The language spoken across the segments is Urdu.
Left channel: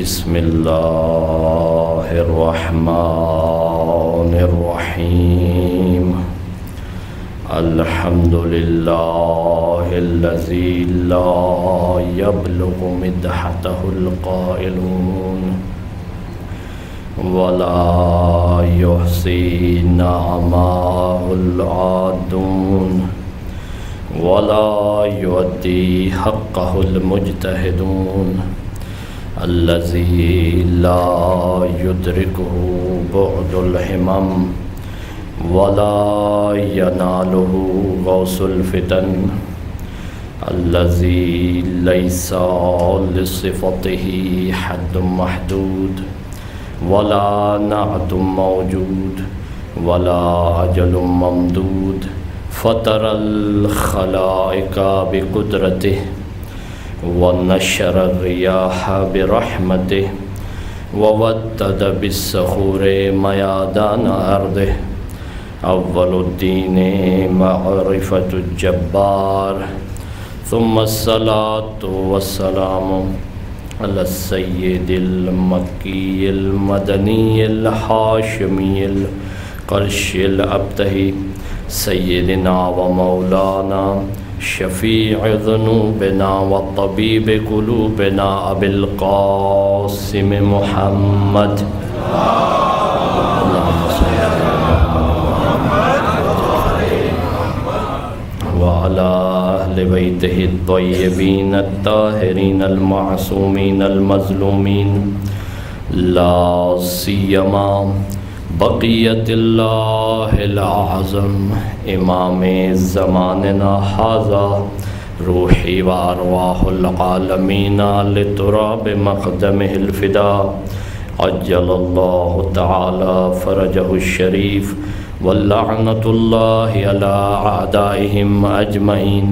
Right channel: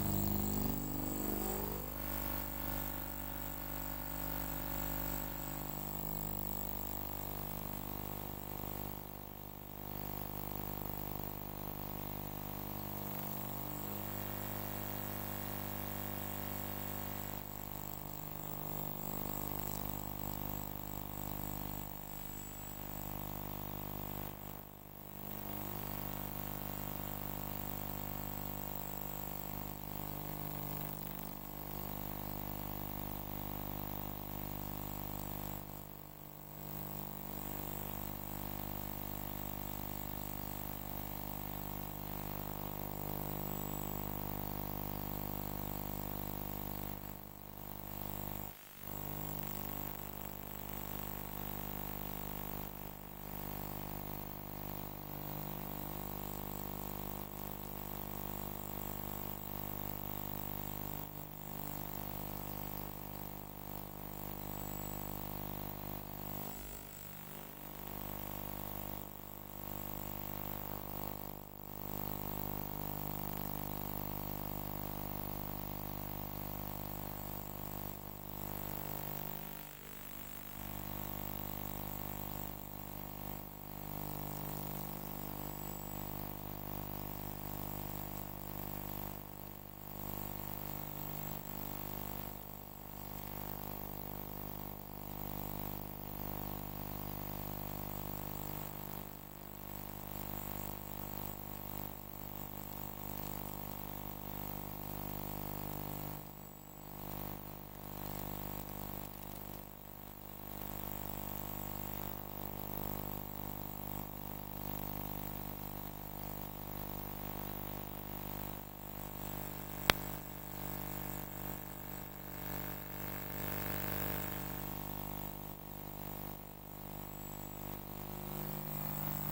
بسم اللہ الرحمن الرحیم الحمد للہ الذی لا یبلغ مدحتہ القائلون ولا یحصی نعماہ العادون ولا یؤدی حقہ المجتہدون الذی لا یدرکہ بعد الہمم ولا ینالہ غوث الفتن الذی لیس لصفتہ حد محدود ولا نعت موجود ولا اجل ممدود فطر الخلائق بقدرته ونشر الرياح برحمته وودد بالصخور ميادان أرضه أول الدين معرفة الجبار ثم الصلاة والسلام على السيد المكي المدني الهاشمي القرشي الأبتهي سيدنا ومولانا شفيع ذنوبنا وطبيب قلوبنا أبي القاسم محمد اللهم صل على محمد وعلى أهل بيته الطيبين الطاهرين المعصومين المظلومين لا سيما بقیت اللہ العظم امام زماننا حاذا روحی و ارواح العالمین لتراب مقدمہ الفداء عجل اللہ تعالی فرجہ الشریف واللعنۃ اللہ علی اعدائہم اجمعین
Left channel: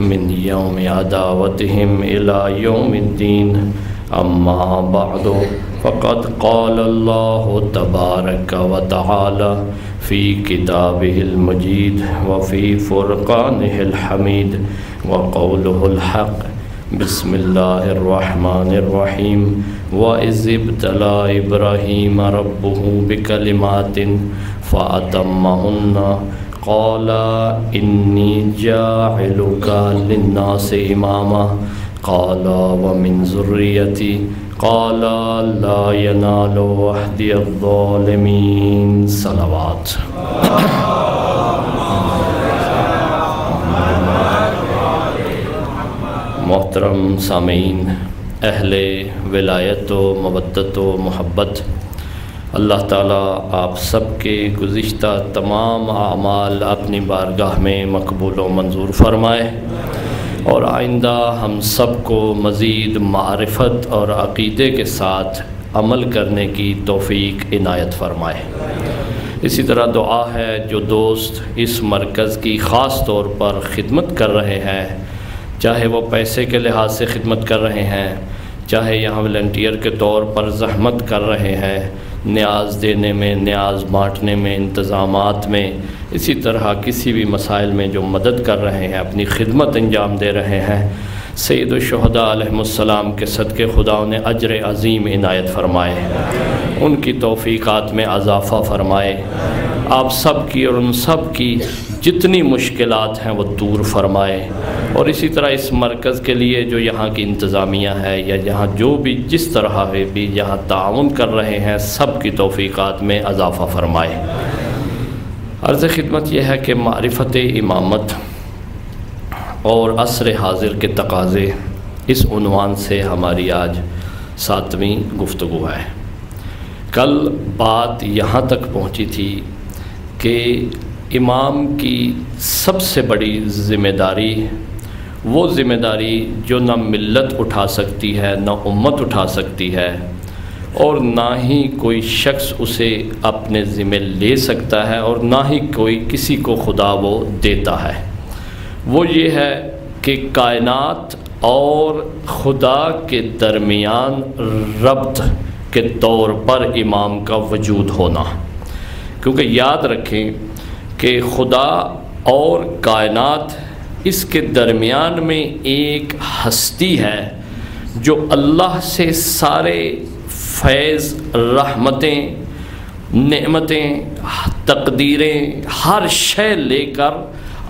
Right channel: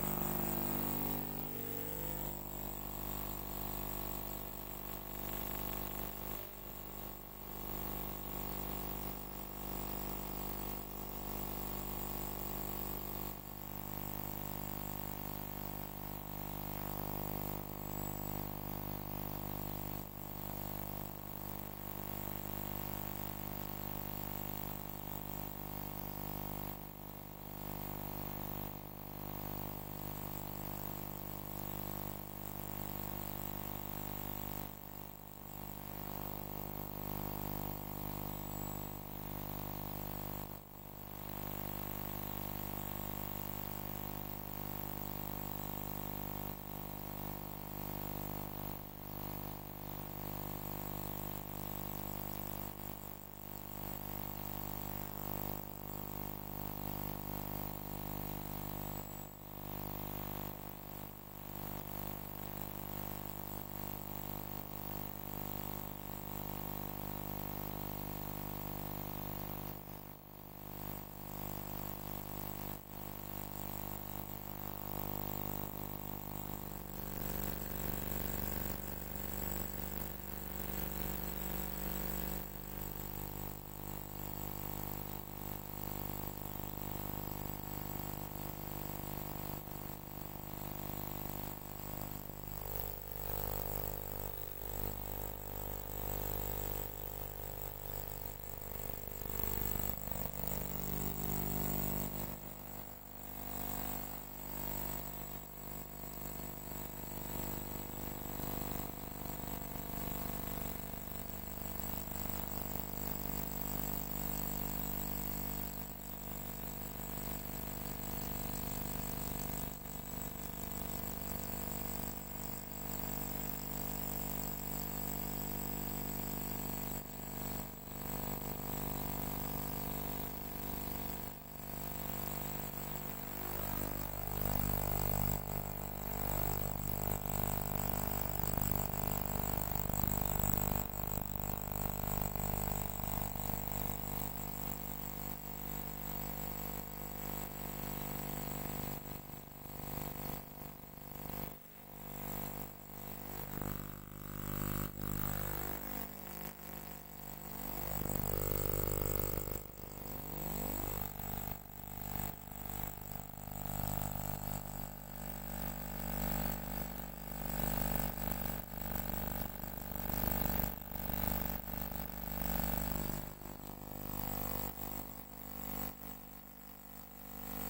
من یوم عداوتہم الی یوم الدین اما بعد فقد قال الله تبارك وتعالى في كتابه المجيد وفي فرقانه الحميد وقوله الحق بسم الله الرحمن الرحيم وإذ ابتلى إبراهيم ربه بكلمات فأتمهن قال إني جاعلك للناس إماما قال ومن ذريتي قال لا ينال عهد الظالمين صلوات محترم سامعین، اہل ولایت و مودت و محبت، اللہ تعالیٰ آپ سب کے گزشتہ تمام اعمال اپنی بارگاہ میں مقبول و منظور فرمائے اور آئندہ ہم سب کو مزید معرفت اور عقیدے کے ساتھ عمل کرنے کی توفیق عنایت فرمائے۔ اسی طرح دعا ہے جو دوست اس مرکز کی خاص طور پر خدمت کر رہے ہیں، چاہے وہ پیسے کے لحاظ سے خدمت کر رہے ہیں، چاہے یہاں والنٹیئر کے طور پر زحمت کر رہے ہیں، نیاز دینے میں، نیاز بانٹنے میں، انتظامات میں، اسی طرح کسی بھی مسائل میں جو مدد کر رہے ہیں، اپنی خدمت انجام دے رہے ہیں، سید الشہداء علیہ السلام کے صدقے خدا انہیں اجر عظیم عنایت فرمائے، ان کی توفیقات میں اضافہ فرمائے، آپ سب کی اور ان سب کی جتنی مشکلات ہیں وہ دور فرمائے، اور اسی طرح اس مرکز کے لیے جو یہاں کی انتظامیہ ہے یا یہاں جو بھی جس طرح بھی یہاں تعاون کر رہے ہیں، سب کی توفیقات میں اضافہ فرمائے۔ عرض خدمت یہ ہے کہ معرفت امامت اور عصر حاضر کے تقاضے، اس عنوان سے ہماری آج 7ویں گفتگو ہے۔ کل بات یہاں تک پہنچی تھی کہ امام کی سب سے بڑی ذمہ داری، وہ ذمہ داری جو نہ ملت اٹھا سکتی ہے، نہ امت اٹھا سکتی ہے، اور نہ ہی کوئی شخص اسے اپنے ذمہ لے سکتا ہے، اور نہ ہی کوئی کسی کو خدا وہ دیتا ہے، وہ یہ ہے کہ کائنات اور خدا کے درمیان ربط کے طور پر امام کا وجود ہونا، کیونکہ یاد رکھیں کہ خدا اور کائنات، اس کے درمیان میں ایک ہستی ہے جو اللہ سے سارے فیض، رحمتیں، نعمتیں، تقدیریں، ہر شے لے کر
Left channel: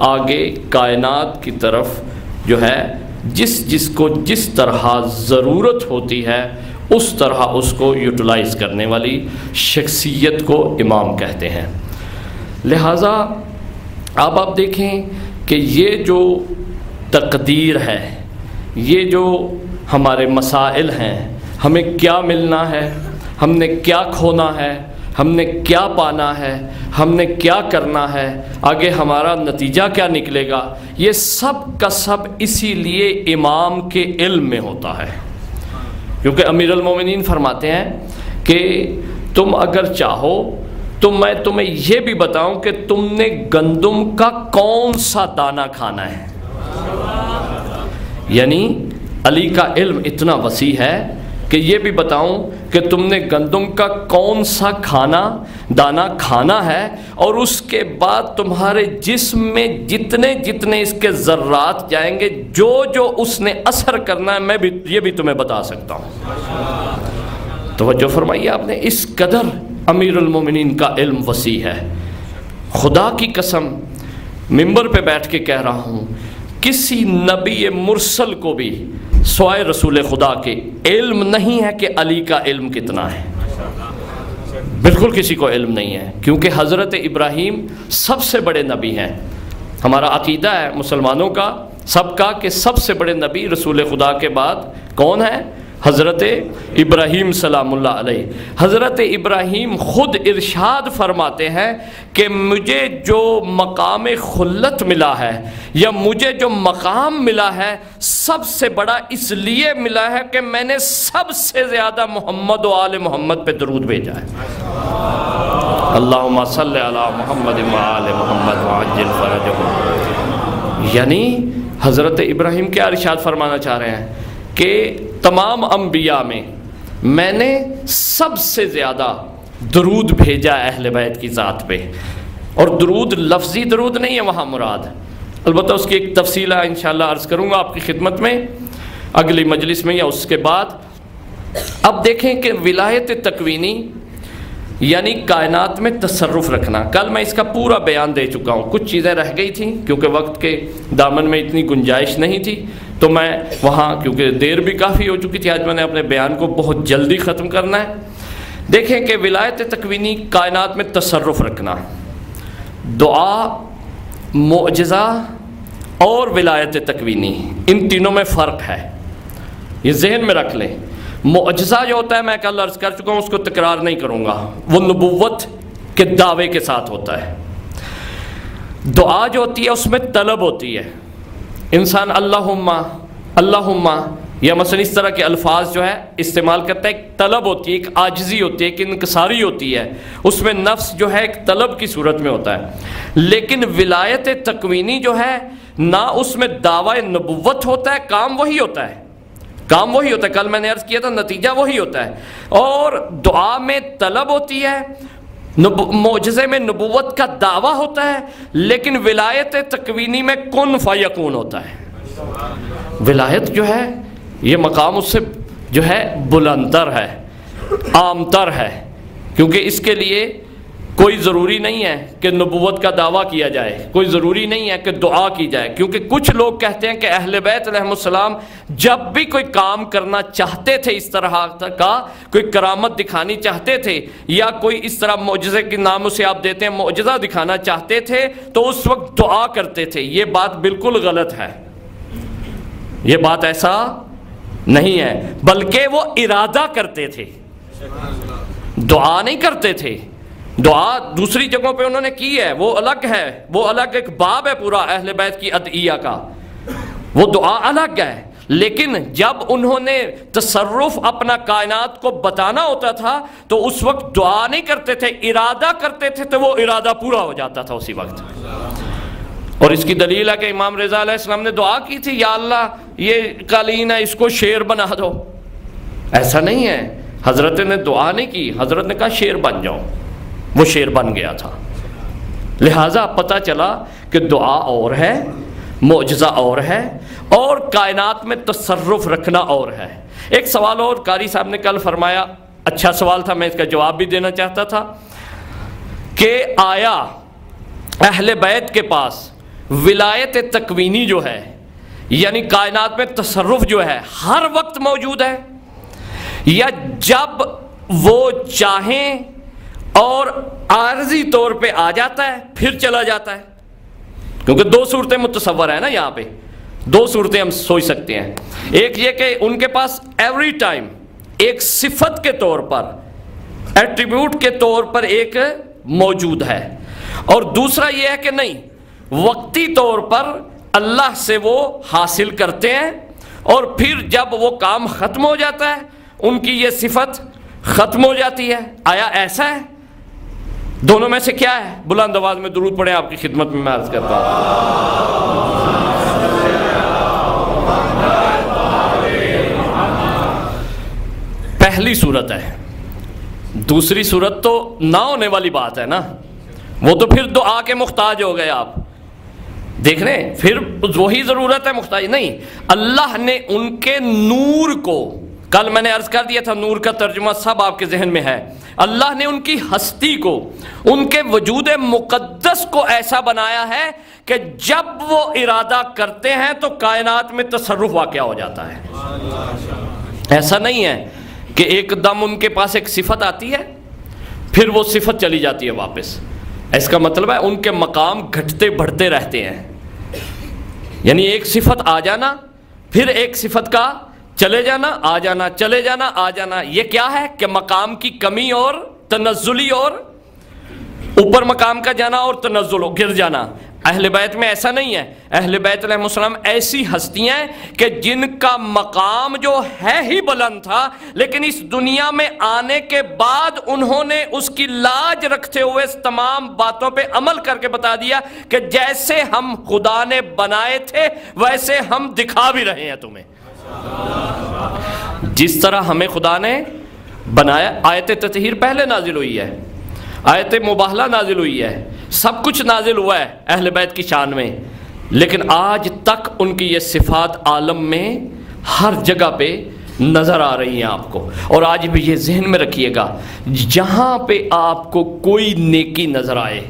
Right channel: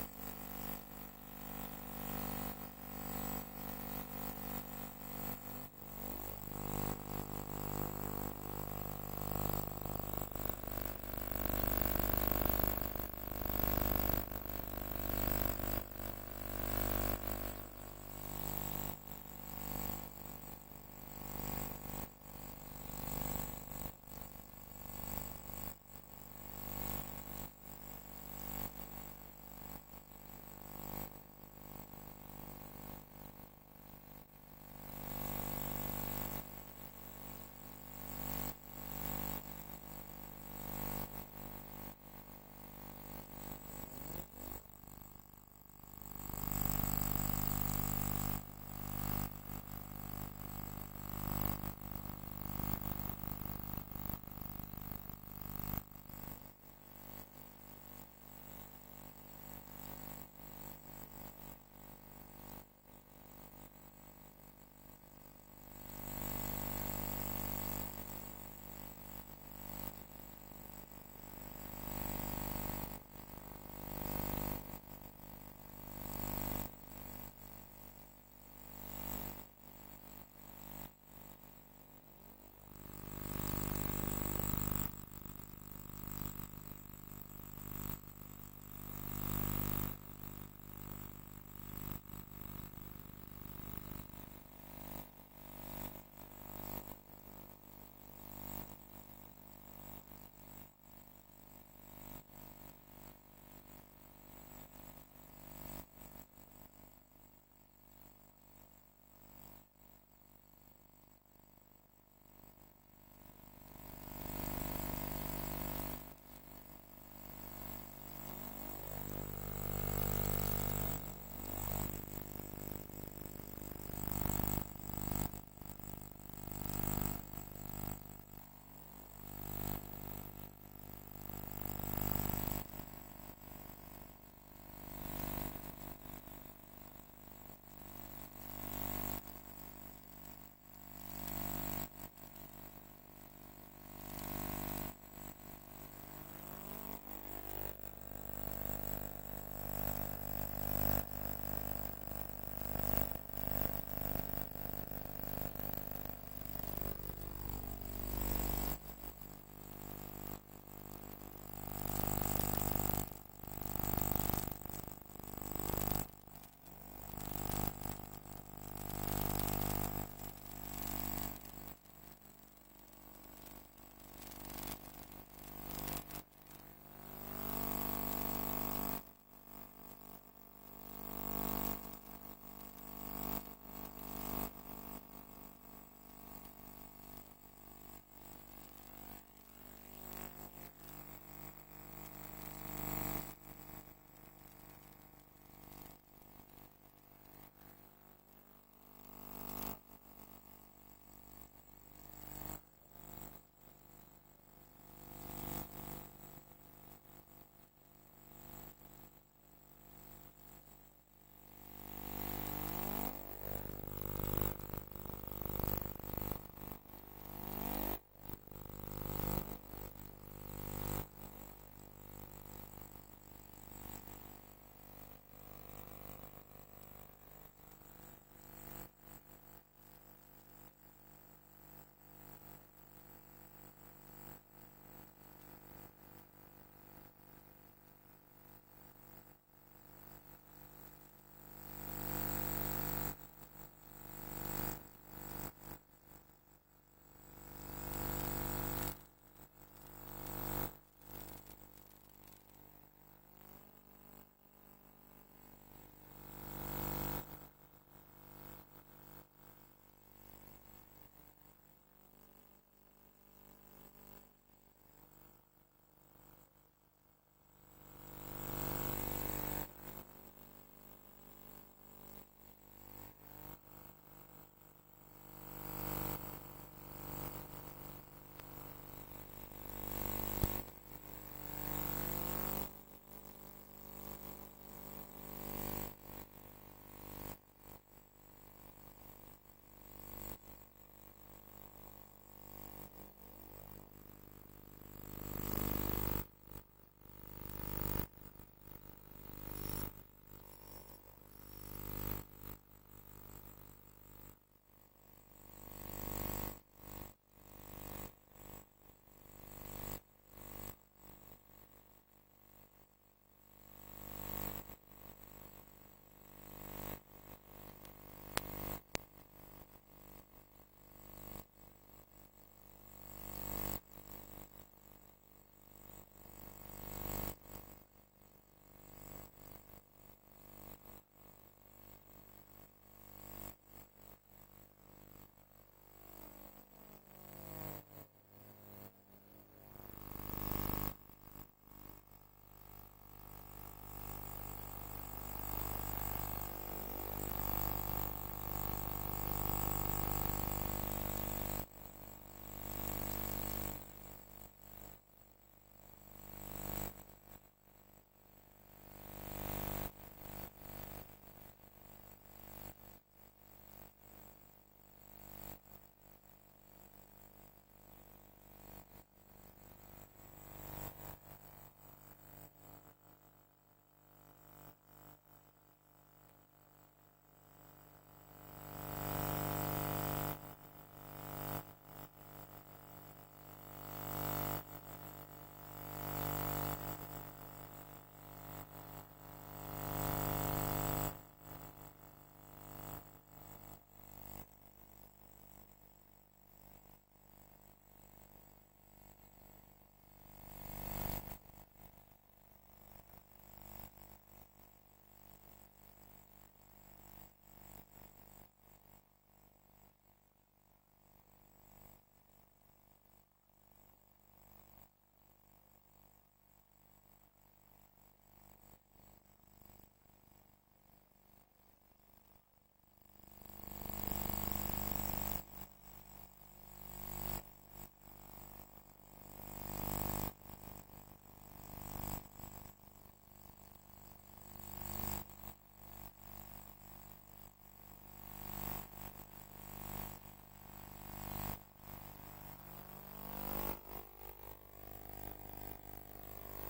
آگے کائنات کی طرف جو ہے جس کو جس طرح ضرورت ہوتی ہے اس طرح اس کو یوٹیلائز کرنے والی شخصیت کو امام کہتے ہیں۔ لہٰذا اب آپ دیکھیں کہ یہ جو تقدیر ہے، یہ جو ہمارے مسائل ہیں، ہمیں کیا ملنا ہے، ہم نے کیا کھونا ہے، ہم نے کیا پانا ہے، ہم نے کیا کرنا ہے، آگے ہمارا نتیجہ کیا نکلے گا، یہ سب کا سب اسی لیے امام کے علم میں ہوتا ہے۔ کیونکہ امیر المومنین فرماتے ہیں کہ تم اگر چاہو تو میں تمہیں یہ بھی بتاؤں کہ تم نے گندم کا کون سا دانہ کھانا ہے۔ یعنی علی کا علم اتنا وسیع ہے کہ یہ بھی بتاؤں کہ تم نے گندم کا کون سا دانہ کھانا ہے، اور اس کے بعد تمہارے جسم میں جتنے اس کے ذرات جائیں گے، جو اس نے اثر کرنا ہے، میں بھی یہ بھی تمہیں بتا سکتا ہوں۔ توجہ فرمائیے آپ نے، اس قدر امیر المومنین کا علم وسیع ہے۔ خدا کی قسم منبر پہ بیٹھ کے کہہ رہا ہوں، کسی نبی مرسل کو بھی سوائے رسول خدا کے علم نہیں ہے کہ علی کا علم کتنا ہے۔ بالکل کسی کو علم نہیں ہے، کیونکہ حضرت ابراہیم سب سے بڑے نبی ہیں۔ ہمارا عقیدہ ہے مسلمانوں کا سب کا کہ سب سے بڑے نبی رسول خدا کے بعد کون ہے؟ حضرت ابراہیم سلام اللہ علیہ۔ حضرت ابراہیم خود ارشاد فرماتے ہیں کہ مجھے جو مقام خلت ملا ہے یا مجھے جو مقام ملا ہے سب سے بڑا اس لیے ملا ہے کہ میں نے سب سے زیادہ محمد و آل محمد پہ درود بھیجا ہے۔ اللہم صلی علی محمد و آل محمد وعجل فرجہم۔ یعنی حضرت ابراہیم کیا ارشاد فرمانا چاہ رہے ہیں کہ تمام انبیاء میں نے سب سے زیادہ درود بھیجا اہل بیت کی ذات پہ، اور درود لفظی درود نہیں ہے وہاں مراد، البتہ اس کی ایک تفصیل ہے انشاءاللہ عرض کروں گا آپ کی خدمت میں اگلی مجلس میں یا اس کے بعد۔ اب دیکھیں کہ ولایت تکوینی یعنی کائنات میں تصرف رکھنا، کل میں اس کا پورا بیان دے چکا ہوں، کچھ چیزیں رہ گئی تھیں کیونکہ وقت کے دامن میں اتنی گنجائش نہیں تھی، تو میں وہاں کیونکہ دیر بھی کافی ہو چکی تھی، آج میں نے اپنے بیان کو بہت جلدی ختم کرنا ہے۔ دیکھیں کہ ولایت تکوینی کائنات میں تصرف رکھنا، دعا، معجزہ اور ولایت تکوینی، ان تینوں میں فرق ہے، یہ ذہن میں رکھ لیں۔ معجزہ جو ہوتا ہے میں کل عرض کر چکا ہوں، اس کو تکرار نہیں کروں گا، وہ نبوت کے دعوے کے ساتھ ہوتا ہے۔ دعا جو ہوتی ہے اس میں طلب ہوتی ہے، انسان اللہم یا مثلا اس طرح کے الفاظ جو ہے استعمال کرتا ہے، ایک طلب ہوتی ہے، ایک عاجزی ہوتی ہے، ایک انکساری ہوتی ہے، اس میں نفس جو ہے ایک طلب کی صورت میں ہوتا ہے۔ لیکن ولایت تکوینی جو ہے نہ اس میں دعوی نبوت ہوتا ہے، کام وہی ہوتا ہے، کل میں نے عرض کیا تھا نتیجہ وہی ہوتا ہے، اور دعا میں طلب ہوتی ہے، معجزے میں نبوت کا دعویٰ ہوتا ہے، لیکن ولایت تکوینی میں کن فیکون ہوتا ہے۔ ولایت جو ہے یہ مقام اس سے جو ہے بلندتر ہے، عام تر ہے، کیونکہ اس کے لیے کوئی ضروری نہیں ہے کہ نبوت کا دعویٰ کیا جائے، کوئی ضروری نہیں ہے کہ دعا کی جائے، کیونکہ کچھ لوگ کہتے ہیں کہ اہل بیت علیہ السلام جب بھی کوئی کام کرنا چاہتے تھے، اس طرح کا کوئی کرامت دکھانی چاہتے تھے یا کوئی اس طرح معجزے کے نام سے آپ دیتے ہیں معجزہ دکھانا چاہتے تھے تو اس وقت دعا کرتے تھے۔ یہ بات بالکل غلط ہے، یہ بات ایسا نہیں ہے، بلکہ وہ ارادہ کرتے تھے، دعا نہیں کرتے تھے۔ دعا دوسری جگہوں پہ انہوں نے کی ہے، وہ الگ ہے، وہ الگ ایک باب ہے پورا اہل بیت کی ادعیہ کا، وہ دعا الگ ہے۔ لیکن جب انہوں نے تصرف اپنا کائنات کو بتانا ہوتا تھا تو اس وقت دعا نہیں کرتے تھے، ارادہ کرتے تھے، تو وہ ارادہ پورا ہو جاتا تھا اسی وقت۔ اور اس کی دلیل ہے کہ امام رضا علیہ السلام نے دعا کی تھی، یا اللہ یہ قالین ہے اس کو شیر بنا دو، ایسا نہیں ہے، حضرت نے دعا نہیں کی، حضرت نے کہا شیر بن جاؤ، وہ شیر بن گیا تھا۔ لہٰذا پتہ چلا کہ دعا اور ہے، معجزہ اور ہے اور کائنات میں تصرف رکھنا اور ہے۔ ایک سوال اور قاری صاحب نے کل فرمایا، اچھا سوال تھا، میں اس کا جواب بھی دینا چاہتا تھا کہ آیا اہل بیت کے پاس ولایت تکوینی جو ہے، یعنی کائنات میں تصرف جو ہے، ہر وقت موجود ہے، یا جب وہ چاہیں اور عارضی طور پہ آ جاتا ہے پھر چلا جاتا ہے؟ کیونکہ دو صورتیں متصور ہیں نا یہاں پہ، دو صورتیں ہم سوچ سکتے ہیں۔ ایک یہ کہ ان کے پاس ایوری ٹائم ایک صفت کے طور پر، ایٹریبیوٹ کے طور پر ایک موجود ہے، اور دوسرا یہ ہے کہ نہیں، وقتی طور پر اللہ سے وہ حاصل کرتے ہیں اور پھر جب وہ کام ختم ہو جاتا ہے ان کی یہ صفت ختم ہو جاتی ہے۔ آیا ایسا ہے؟ دونوں میں سے کیا ہے؟ بلند آواز میں درود پڑھیں، آپ کی خدمت میں عرض کرتا ہوں۔ پہلی صورت ہے، دوسری صورت تو نہ ہونے والی بات ہے نا، وہ تو پھر دعا کے محتاج ہو گئے آپ، دیکھ رہے ہیں، پھر وہی ضرورت ہے، محتاج نہیں۔ اللہ نے ان کے نور کو، کل میں نے عرض کر دیا تھا نور کا ترجمہ سب آپ کے ذہن میں ہے، اللہ نے ان کی ہستی کو، ان کے وجود مقدس کو ایسا بنایا ہے کہ جب وہ ارادہ کرتے ہیں تو کائنات میں تصرف واقع ہو جاتا ہے۔ ایسا نہیں ہے کہ ایک دم ان کے پاس ایک صفت آتی ہے پھر وہ صفت چلی جاتی ہے واپس، اس کا مطلب ہے ان کے مقام گھٹتے بڑھتے رہتے ہیں، یعنی ایک صفت آ جانا پھر ایک صفت کا چلے جانا، آ جانا، چلے جانا، آ جانا، یہ کیا ہے کہ مقام کی کمی اور تنزلی، اور اوپر مقام کا جانا اور تنزل گر جانا۔ اہل بیت میں ایسا نہیں ہے، اہل بیت علیہ السلام ایسی ہستیاں ہیں کہ جن کا مقام جو ہے ہی بلند تھا، لیکن اس دنیا میں آنے کے بعد انہوں نے اس کی لاج رکھتے ہوئے اس تمام باتوں پہ عمل کر کے بتا دیا کہ جیسے ہم خدا نے بنائے تھے ویسے ہم دکھا بھی رہے ہیں تمہیں، جس طرح ہمیں خدا نے بنایا۔ آیت تطہیر پہلے نازل ہوئی ہے، آیت مباہلہ نازل ہوئی ہے، سب کچھ نازل ہوا ہے اہل بیت کی شان میں، لیکن آج تک ان کی یہ صفات عالم میں ہر جگہ پہ نظر آ رہی ہیں آپ کو۔ اور آج بھی یہ ذہن میں رکھیے گا، جہاں پہ آپ کو کوئی نیکی نظر آئے،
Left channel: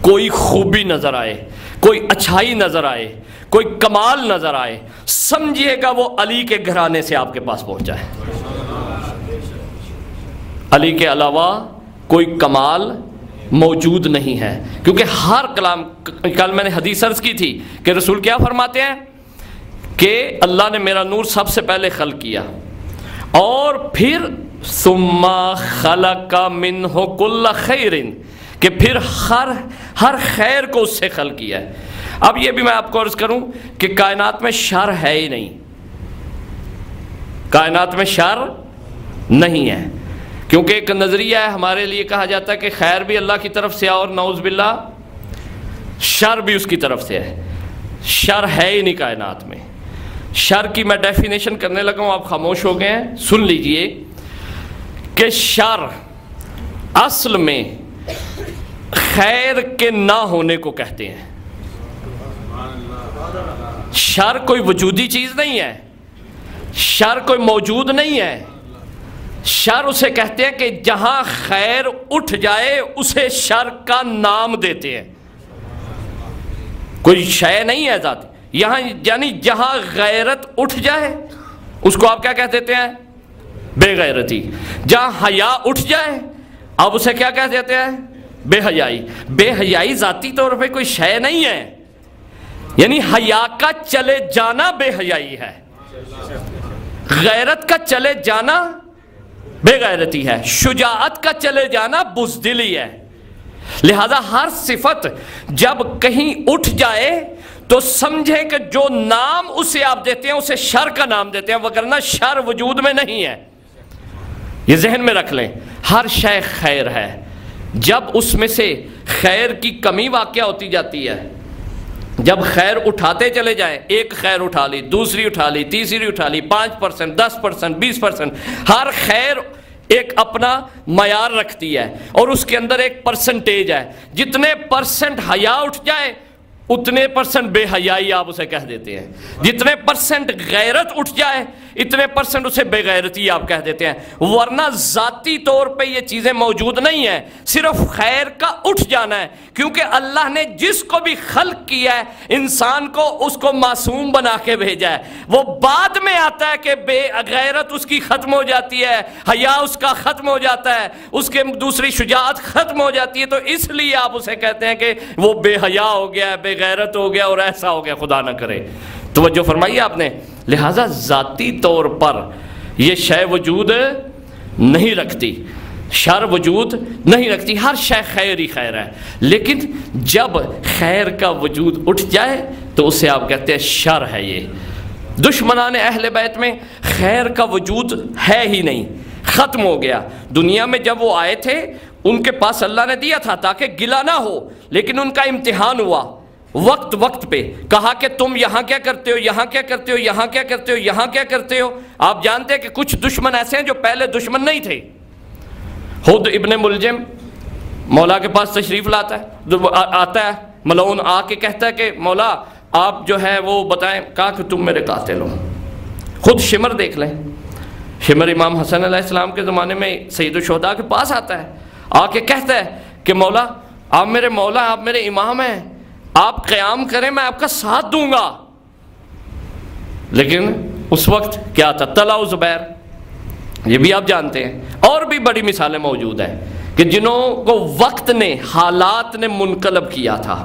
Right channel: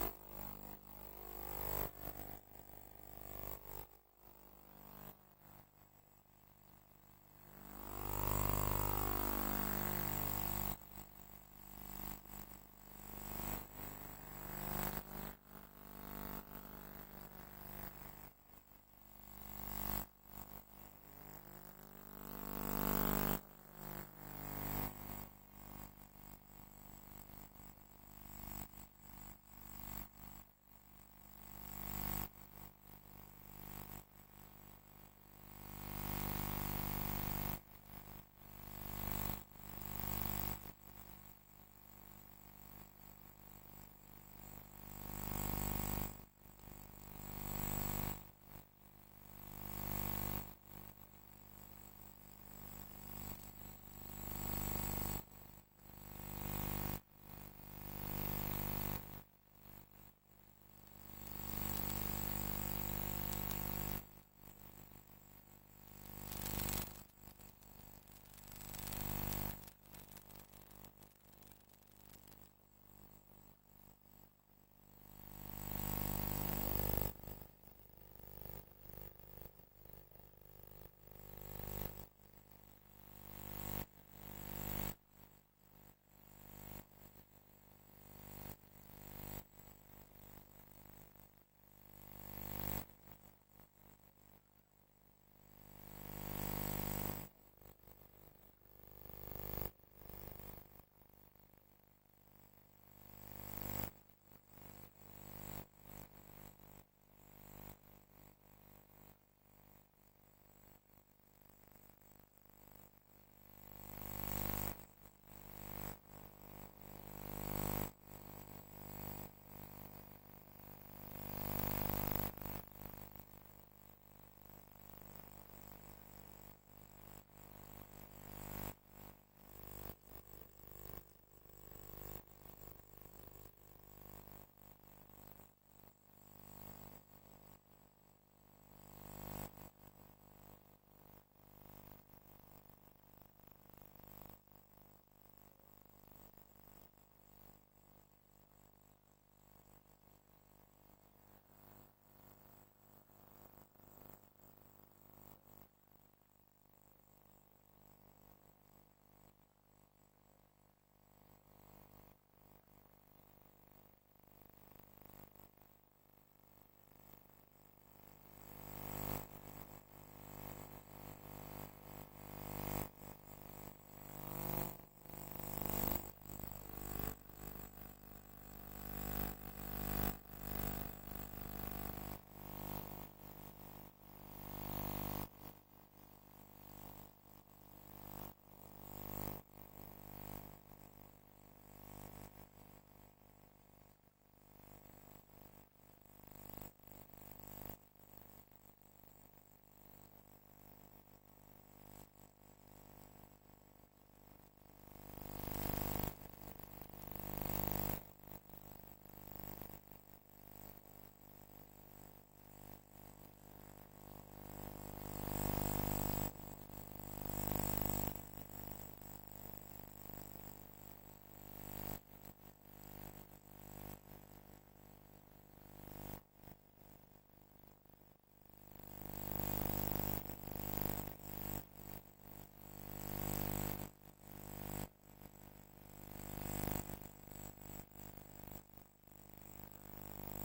کوئی خوبی نظر آئے، کوئی اچھائی نظر آئے، کوئی کمال نظر آئے، سمجھیے گا وہ علی کے گھرانے سے آپ کے پاس پہنچا ہے۔ علی کے علاوہ کوئی کمال موجود نہیں ہے، کیونکہ ہر کلام، کل میں نے حدیث عرض کی تھی کہ رسول کیا فرماتے ہیں کہ اللہ نے میرا نور سب سے پہلے خلق کیا اور پھر ثم خلق منہ کل خیر، کہ پھر ہر خیر کو اس سے خلق کیا ہے۔ اب یہ بھی میں آپ کو عرض کروں کہ کائنات میں شر ہے ہی نہیں، کائنات میں شر نہیں ہے، کیونکہ ایک نظریہ ہے ہمارے لیے، کہا جاتا ہے کہ خیر بھی اللہ کی طرف سے ہے اور نعوذ باللہ شر بھی اس کی طرف سے ہے۔ شر ہے ہی نہیں کائنات میں۔ شر کی میں ڈیفینیشن کرنے لگا ہوں، آپ خاموش ہو گئے ہیں، سن لیجئے کہ شر اصل میں خیر کے نہ ہونے کو کہتے ہیں۔ شر کوئی وجودی چیز نہیں ہے، شر کوئی موجود نہیں ہے، شر اسے کہتے ہیں کہ جہاں خیر اٹھ جائے اسے شر کا نام دیتے ہیں، کوئی شے نہیں ہے ذات یہاں، یعنی جہاں غیرت اٹھ جائے اس کو آپ کیا کہہ دیتے ہیں؟ بے غیرتی۔ جہاں حیا اٹھ جائے اب اسے کیا کہہ دیتے ہیں؟ بے حیائی۔ بے حیائی ذاتی طور پہ کوئی شے نہیں ہے، یعنی حیا کا چلے جانا بے حیائی ہے، غیرت کا چلے جانا بے غیرتی ہے، شجاعت کا چلے جانا بزدلی ہے۔ لہذا ہر صفت جب کہیں اٹھ جائے تو سمجھیں کہ جو نام اسے آپ دیتے ہیں اسے شر کا نام دیتے ہیں، وگرنہ شر وجود میں نہیں ہے۔ یہ ذہن میں رکھ لیں، ہر شے خیر ہے، جب اس میں سے خیر کی کمی واقع ہوتی جاتی ہے، جب خیر اٹھاتے چلے جائیں، ایک خیر اٹھا لی، دوسری اٹھا لی، تیسری اٹھا لی، 5%، 10%، 20%، ہر خیر ایک اپنا معیار رکھتی ہے اور اس کے اندر ایک پرسنٹیج ہے، جتنے پرسنٹ حیا اٹھ جائے اتنے % بے حیائی آپ اسے کہہ دیتے ہیں، جتنے % غیرت اٹھ جائے اتنے % اسے بے غیرتی آپ کہہ دیتے ہیں، ورنہ ذاتی طور پہ یہ چیزیں موجود نہیں ہیں، صرف خیر کا اٹھ جانا ہے، کیونکہ اللہ نے جس کو بھی خلق کیا ہے انسان کو اس کو معصوم بنا کے بھیجا ہے، وہ بعد میں آتا ہے کہ بے غیرت اس کی ختم ہو جاتی ہے، حیا اس کا ختم ہو جاتا ہے، اس کے دوسری شجاعت ختم ہو جاتی ہے، تو اس لیے آپ اسے کہتے ہیں کہ وہ بے حیا ہو گیا ہے، بے غیرت ہو گیا اور ایسا ہو گیا، خدا نہ کرے۔ توجہ فرمائیے آپ نے، لہٰذا ذاتی طور پر یہ شے وجود نہیں رکھتی، شر وجود نہیں رکھتی، ہر شے خیر ہی خیر ہے، لیکن جب خیر کا وجود اٹھ جائے تو اسے آپ کہتے ہیں شر ہے۔ یہ دشمنان اہل بیت میں خیر کا وجود ہے ہی نہیں، ختم ہو گیا۔ دنیا میں جب وہ آئے تھے ان کے پاس اللہ نے دیا تھا تاکہ گلہ نہ ہو، لیکن ان کا امتحان ہوا وقت پہ، کہا کہ تم یہاں کیا کرتے ہو، یہاں کیا کرتے ہو، یہاں کیا کرتے ہو، یہاں کیا کرتے ہو۔ آپ جانتے ہیں کہ کچھ دشمن ایسے ہیں جو پہلے دشمن نہیں تھے۔ خود ابن ملجم مولا کے پاس تشریف لاتا ہے، آتا ہے ملعون، آ کے کہتا ہے کہ مولا آپ جو ہے وہ بتائیں، کہا کہ تم میرے قاتل ہو۔ خود شمر دیکھ لیں، شمر امام حسن علیہ السلام کے زمانے میں سید الشہداء کے پاس آتا ہے، آ کے کہتا ہے کہ مولا آپ میرے مولا، آپ میرے امام ہیں، آپ قیام کریں میں آپ کا ساتھ دوں گا۔ لیکن اس وقت کیا تھا، طلحہ و زبیر، یہ بھی آپ جانتے ہیں، اور بھی بڑی مثالیں موجود ہیں کہ جنہوں کو وقت نے، حالات نے منقلب کیا تھا۔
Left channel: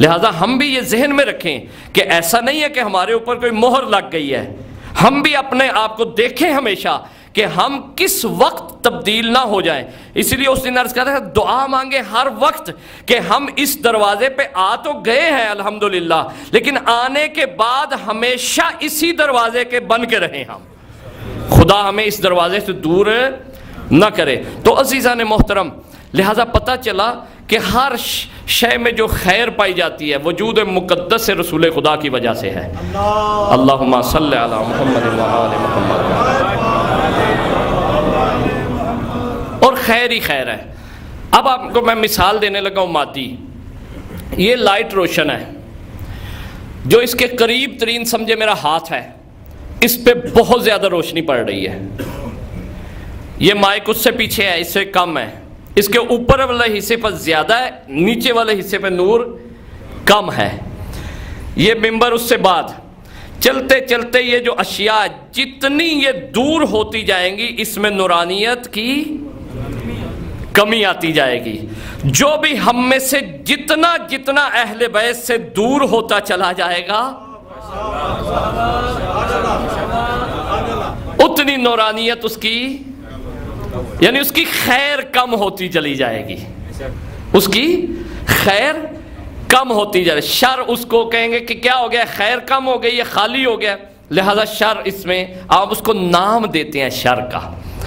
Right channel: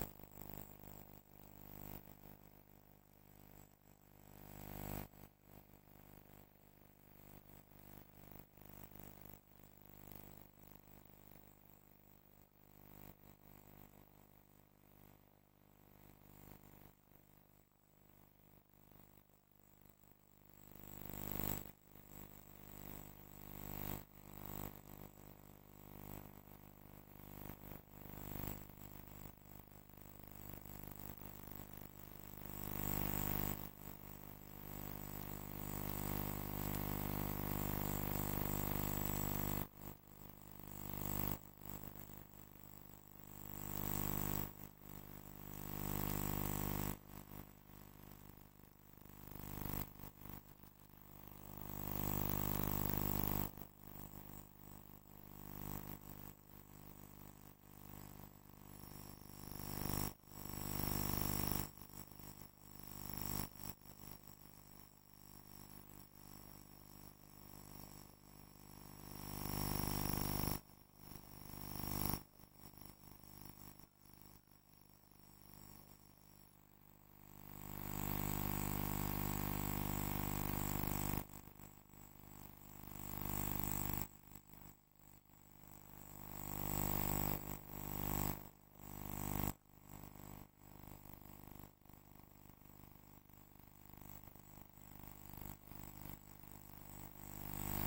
لہٰذا ہم بھی یہ ذہن میں رکھیں کہ ایسا نہیں ہے کہ ہمارے اوپر کوئی مہر لگ گئی ہے، ہم بھی اپنے آپ کو دیکھیں ہمیشہ کہ ہم کس وقت تبدیل نہ ہو جائیں۔ اس لیے اس دن عرض کرتا ہے دعا مانگے ہر وقت کہ ہم اس دروازے پہ آ تو گئے ہیں الحمدللہ، لیکن آنے کے بعد ہمیشہ اسی دروازے کے بن کے رہیں ہم، خدا ہمیں اس دروازے سے دور نہ کرے۔ تو عزیزان محترم، لہٰذا پتہ چلا کہ ہر شے میں جو خیر پائی جاتی ہے وجود مقدس رسول خدا کی وجہ سے ہے۔ اللہم صلی علی محمد و آل محمد، اور خیر ہی خیر ہے۔ اب آپ کو میں مثال دینے لگا ہوں مادی۔ یہ لائٹ روشن ہے، جو اس کے قریب ترین سمجھے میرا ہاتھ ہے، اس پہ بہت زیادہ روشنی پڑ رہی ہے۔ یہ مائک اس سے پیچھے ہے، اس سے کم ہے، اس کے اوپر والے حصے پر زیادہ ہے، نیچے والے حصے پہ نور کم ہے۔ یہ ممبر اس سے بعد چلتے چلتے یہ جو اشیاء جتنی یہ دور ہوتی جائیں گی اس میں نورانیت کی کمی آتی جائے گی۔ جو بھی ہم میں سے جتنا جتنا اہل بیت سے دور ہوتا چلا جائے گا اتنی نورانیت اس کی، یعنی اس کی خیر کم ہوتی چلی جائے گی، اس کی خیر کم ہوتی جائے۔ شر اس کو کہیں گے کہ کیا ہو گیا، خیر کم ہو گئی، یہ خالی ہو گیا، لہذا شر اس میں آپ اس کو نام دیتے ہیں شر کا۔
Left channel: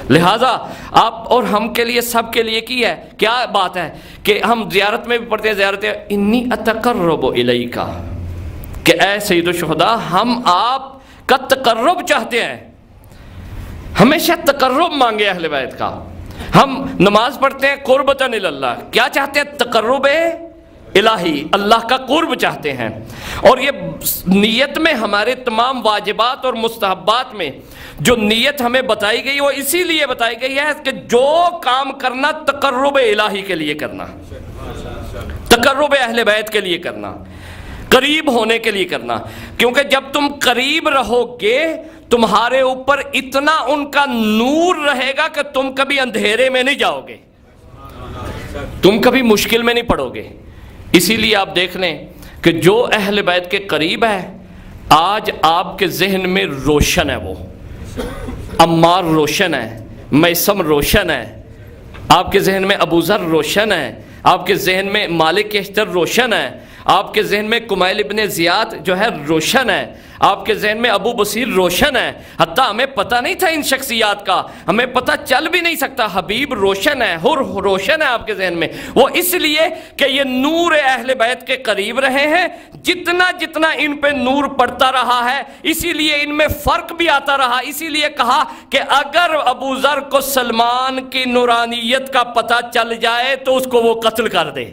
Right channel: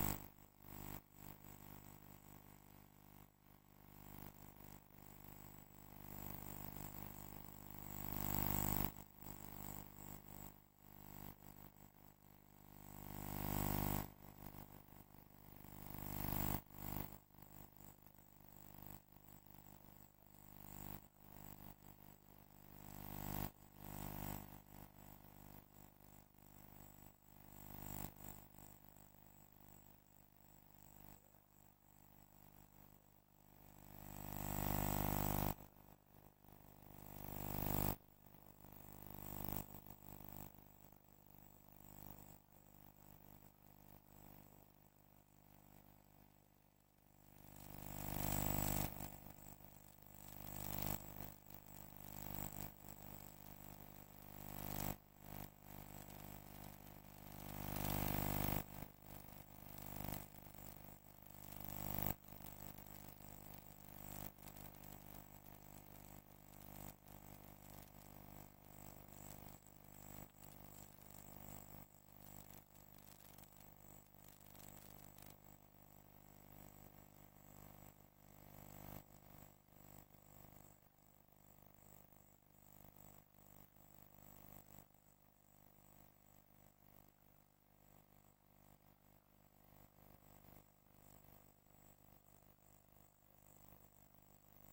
لہذا آپ اور ہم کے لیے، سب کے لیے کی ہے، کیا بات ہے کہ ہم زیارت میں بھی پڑھتے ہیں، زیارت انی اتقرب الیک، کہ اے سید الشہداء ہم آپ کا تقرب چاہتے ہیں، ہمیشہ تقرب مانگے اہل بیت کا۔ ہم نماز پڑھتے ہیں قربتاً اللہ، کیا چاہتے ہیں، تقرب الہی، اللہ کا قرب چاہتے ہیں۔ اور یہ نیت میں ہمارے تمام واجبات اور مستحبات میں جو نیت ہمیں بتائی گئی وہ اسی لیے بتائی گئی ہے کہ جو کام کرنا تقرب الہی کے لیے کرنا، تقرب اہل بیت کے لیے کرنا، قریب ہونے کے لیے کرنا، کیونکہ جب تم قریب رہو گے تمہارے اوپر اتنا ان کا نور رہے گا کہ تم کبھی اندھیرے میں نہیں جاؤ گے، تم کبھی مشکل میں نہیں پڑو گے۔ اسی لیے آپ دیکھ لیں کہ جو اہل بیت کے قریب ہے آج آپ کے ذہن میں روشن ہے، وہ عمار روشن ہے، میثم روشن ہے، آپ کے ذہن میں ابو ذر روشن ہے، آپ کے ذہن میں مالک اشتر روشن ہے، آپ کے ذہن میں کمیل ابن زیاد جو ہے روشن ہے، آپ کے ذہن میں ابو بصیر روشن ہے۔ حتیٰ ہمیں پتہ نہیں تھا ان شخصیات کا، ہمیں پتہ چل بھی نہیں سکتا۔ حبیب روشن ہے، حر روشن ہے آپ کے ذہن میں، وہ اس لیے کہ یہ نور اہل بیت کے قریب رہے ہیں۔ جتنا جتنا ان پہ نور پڑتا رہا ہے اسی لیے ان میں فرق بھی آتا رہا۔ اسی لیے کہا کہ اگر ابو ذر کو سلمان کی نورانیت کا پتہ چل جائے تو اس کو وہ قتل کر دے۔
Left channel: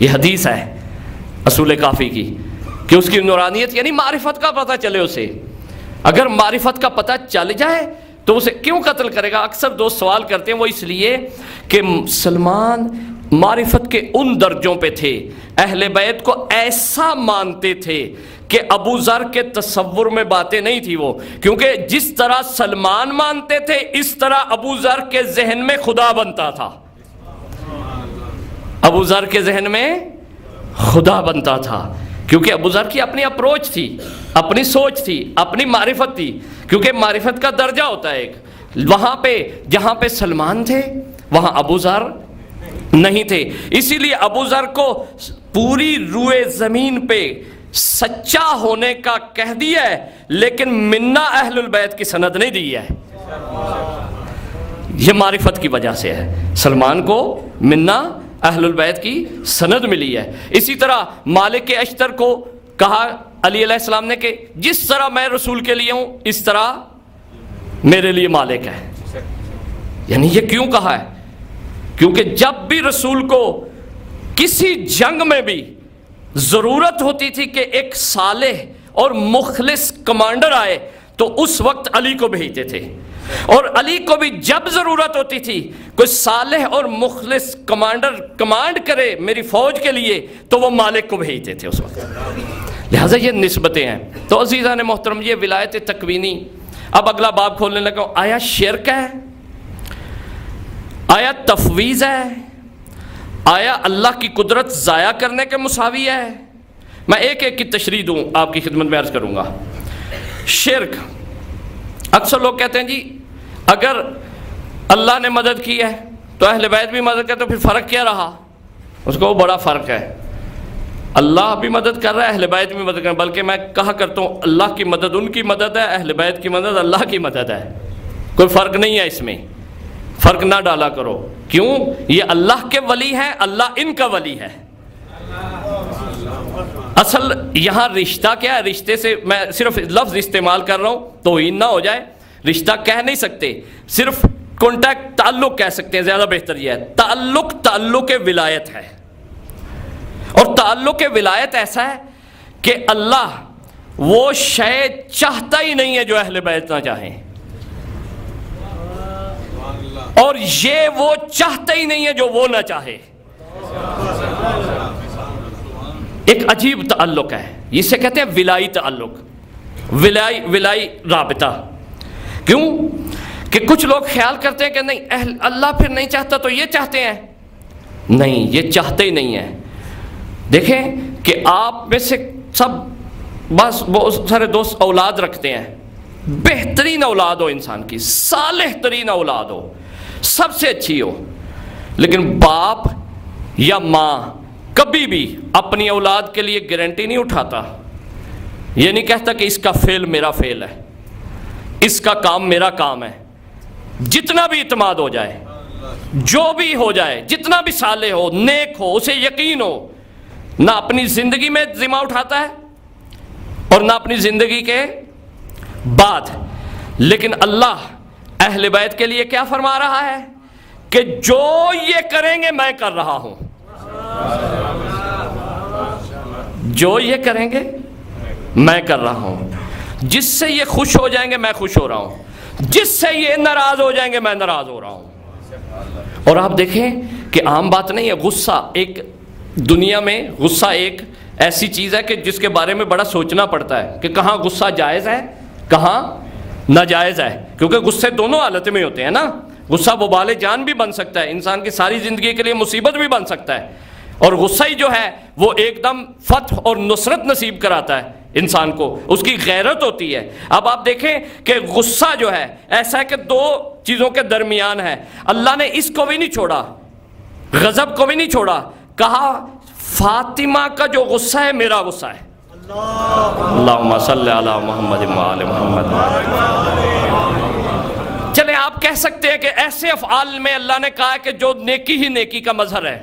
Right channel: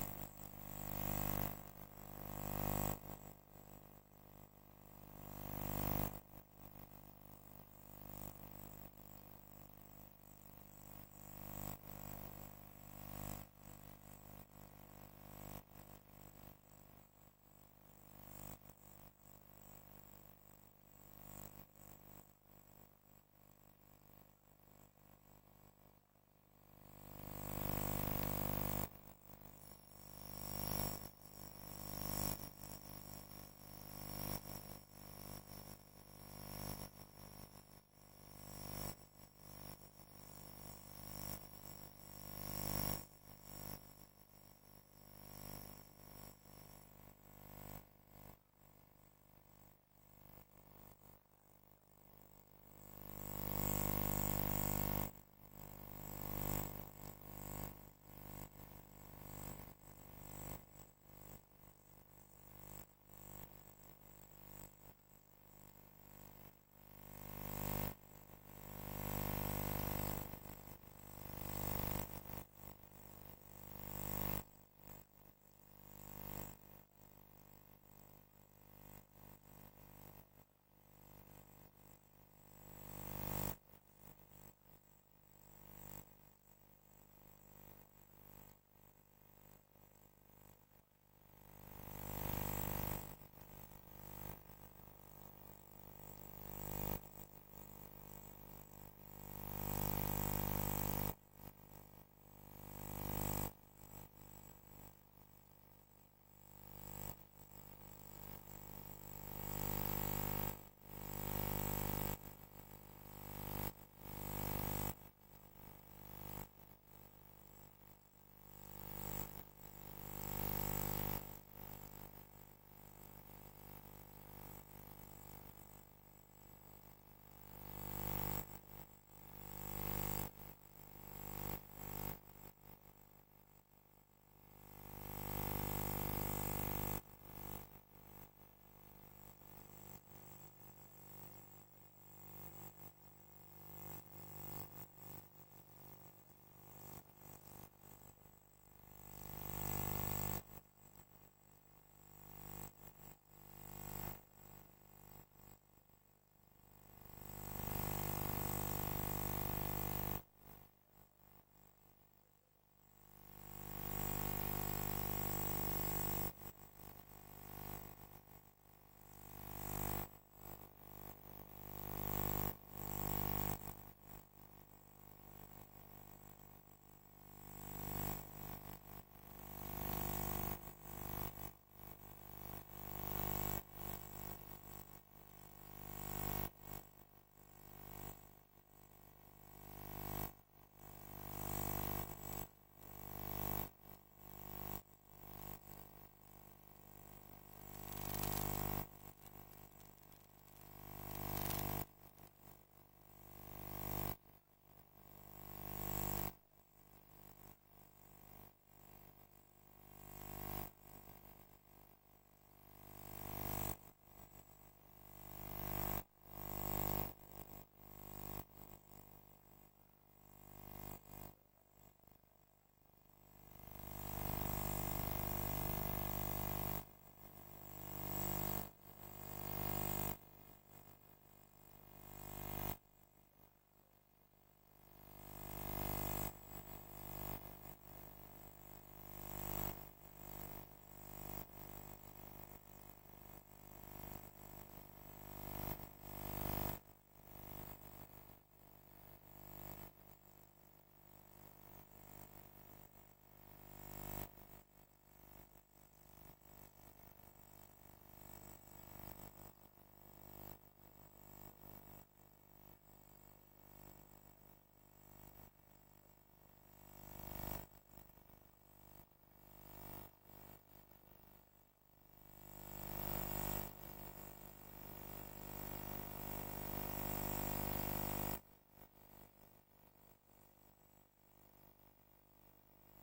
یہ حدیث ہے اصول کافی کی کہ اس کی نورانیت یعنی معرفت کا پتہ چلے اسے. اگر معرفت کا پتہ چل جائے تو اسے کیوں قتل کرے گا؟ اکثر دوست سوال کرتے ہیں، وہ اس لیے کہ سلمان معرفت کے ان درجوں پہ تھے، اہل بیت کو ایسا مانتے تھے کہ ابو ذر کے تصور میں باتیں نہیں تھی وہ، کیونکہ جس طرح سلمان مانتے تھے اس طرح ابو ذر کے ذہن میں خدا بنتا تھا. ابو ذر کے ذہن میں خدا بنتا تھا، کیونکہ ابو ذر کی اپنی اپروچ تھی، اپنی سوچ تھی، اپنی معرفت تھی. کیونکہ معرفت کا درجہ ہوتا ہے ایک، وہاں پہ جہاں پہ سلمان تھے وہاں ابو ذر نہیں تھے. اسی لیے ابو ذر کو پوری روئے زمین پہ سچا ہونے کا کہہ دیا ہے، لیکن منا اہل البیت کی سند نہیں دی ہے. یہ معرفت کی وجہ سے ہے. سلمان کو منا اہل البیت کی سند ملی ہے. اسی طرح مالک اشتر کو کہا علی علیہ السلام نے کہ جس طرح میں رسول کے لیے ہوں اس طرح میرے لیے مالک ہے. یعنی یہ کیوں کہا ہے؟ کیونکہ جب بھی رسول کو کسی جنگ میں بھی ضرورت ہوتی تھی کہ ایک صالح اور مخلص کمانڈر آئے تو اس وقت علی کو بھیجتے تھے، اور علی کو بھی جب ضرورت ہوتی تھی کوئی صالح اور مخلص کمانڈر کمانڈ کرے میری فوج کے لیے تو وہ مالک کو بھیجتے تھے اس وقت. لہٰذا یہ نسبتیں ہیں. تو عزیزان محترم، یہ ولایت تکوینی. اب اگلا باب کھولنے لگا. آیا شرک ہے؟ آیا تفویض ہے؟ آیا اللہ کی قدرت ضائع کرنے کے مساوی ہے؟ میں ایک ایک کی تشریح دوں، آپ کی خدمت میں عرض کروں گا. شرک، اکثر لوگ کہتے ہیں جی اگر اللہ نے مدد کی ہے تو اہل بیت بھی مدد کرتے، تو پھر فرق کیا رہا؟ اس کو بڑا فرق ہے. اللہ بھی مدد کر رہا ہے، اہل بیت بھی مدد کر رہا ہے. بلکہ میں کہا کرتا ہوں اللہ کی مدد ان کی مدد ہے، اہل بیت کی مدد اللہ کی مدد ہے. کوئی فرق نہیں ہے اس میں، فرق نہ ڈالا کرو. کیوں؟ یہ اللہ کے ولی ہیں، اللہ ان کا ولی ہے. اصل یہاں رشتہ کیا ہے؟ رشتے سے میں صرف لفظ استعمال کر رہا ہوں توہین نہ ہو جائے. رشتہ کہہ نہیں سکتے، صرف کانٹیکٹ، تعلق کہہ سکتے ہیں، زیادہ بہتر یہ ہے. تعلق ولایت ہے. اور تعلق ولایت ایسا ہے کہ اللہ وہ شے چاہتا ہی نہیں ہے جو اہل بیت نہ چاہیں، اور یہ وہ چاہتا ہی نہیں ہے جو وہ نہ چاہے. ایک عجیب تعلق ہے، اسے کہتے ہیں ولائی تعلق، ولائی رابطہ. کیوں کہ کچھ لوگ خیال کرتے ہیں کہ نہیں اللہ پھر نہیں چاہتا تو یہ چاہتے ہیں. نہیں، یہ چاہتے ہی نہیں ہیں. دیکھیں کہ آپ میں سے سب بس بہت سارے دوست اولاد رکھتے ہیں، بہترین اولاد ہو انسان کی، صالح ترین اولاد ہو، سب سے اچھی ہو، لیکن باپ یا ماں کبھی بھی اپنی اولاد کے لیے گارنٹی نہیں اٹھاتا. یہ نہیں کہتا کہ اس کا فعل میرا فعل ہے، اس کا کام میرا کام ہے. جتنا بھی اعتماد ہو جائے، جو بھی ہو جائے، جتنا بھی صالح ہو، نیک ہو، اسے یقین ہو، نہ اپنی زندگی میں ذمہ اٹھاتا ہے اور نہ اپنی زندگی کے بعد. لیکن اللہ اہل بیت کے لیے کیا فرما رہا ہے کہ جو یہ کریں گے میں کر رہا ہوں، جو یہ کریں گے میں کر رہا ہوں. جس سے یہ خوش ہو جائیں گے میں خوش ہو رہا ہوں، جس سے یہ ناراض ہو جائیں گے میں ناراض ہو رہا ہوں. اور آپ دیکھیں کہ عام بات نہیں ہے. غصہ ایک دنیا میں، غصہ ایک ایسی چیز ہے کہ جس کے بارے میں بڑا سوچنا پڑتا ہے کہ کہاں غصہ جائز ہے کہاں ناجائز ہے. کیونکہ غصے دونوں حالت میں ہوتے ہیں نا. غصہ وبال جان بھی بن سکتا ہے، انسان کی ساری زندگی کے لیے مصیبت بھی بن سکتا ہے، اور غصہ ہی جو ہے وہ ایک دم فتح اور نصرت نصیب کراتا ہے انسان کو. اس کی غیرت ہوتی ہے. اب آپ دیکھیں کہ غصہ جو ہے ایسا ہے کہ دو چیزوں کے درمیان ہے. اللہ نے اس کو بھی نہیں چھوڑا، غضب کو بھی نہیں چھوڑا. کہا فاطمہ کا جو غصہ ہے میرا غصہ ہے. اللہم صلی علی محمد وآل محمد. چلیں آپ کہہ سکتے ہیں کہ ایسے افعال میں اللہ نے کہا کہ جو نیکی ہی نیکی کا مظہر ہے،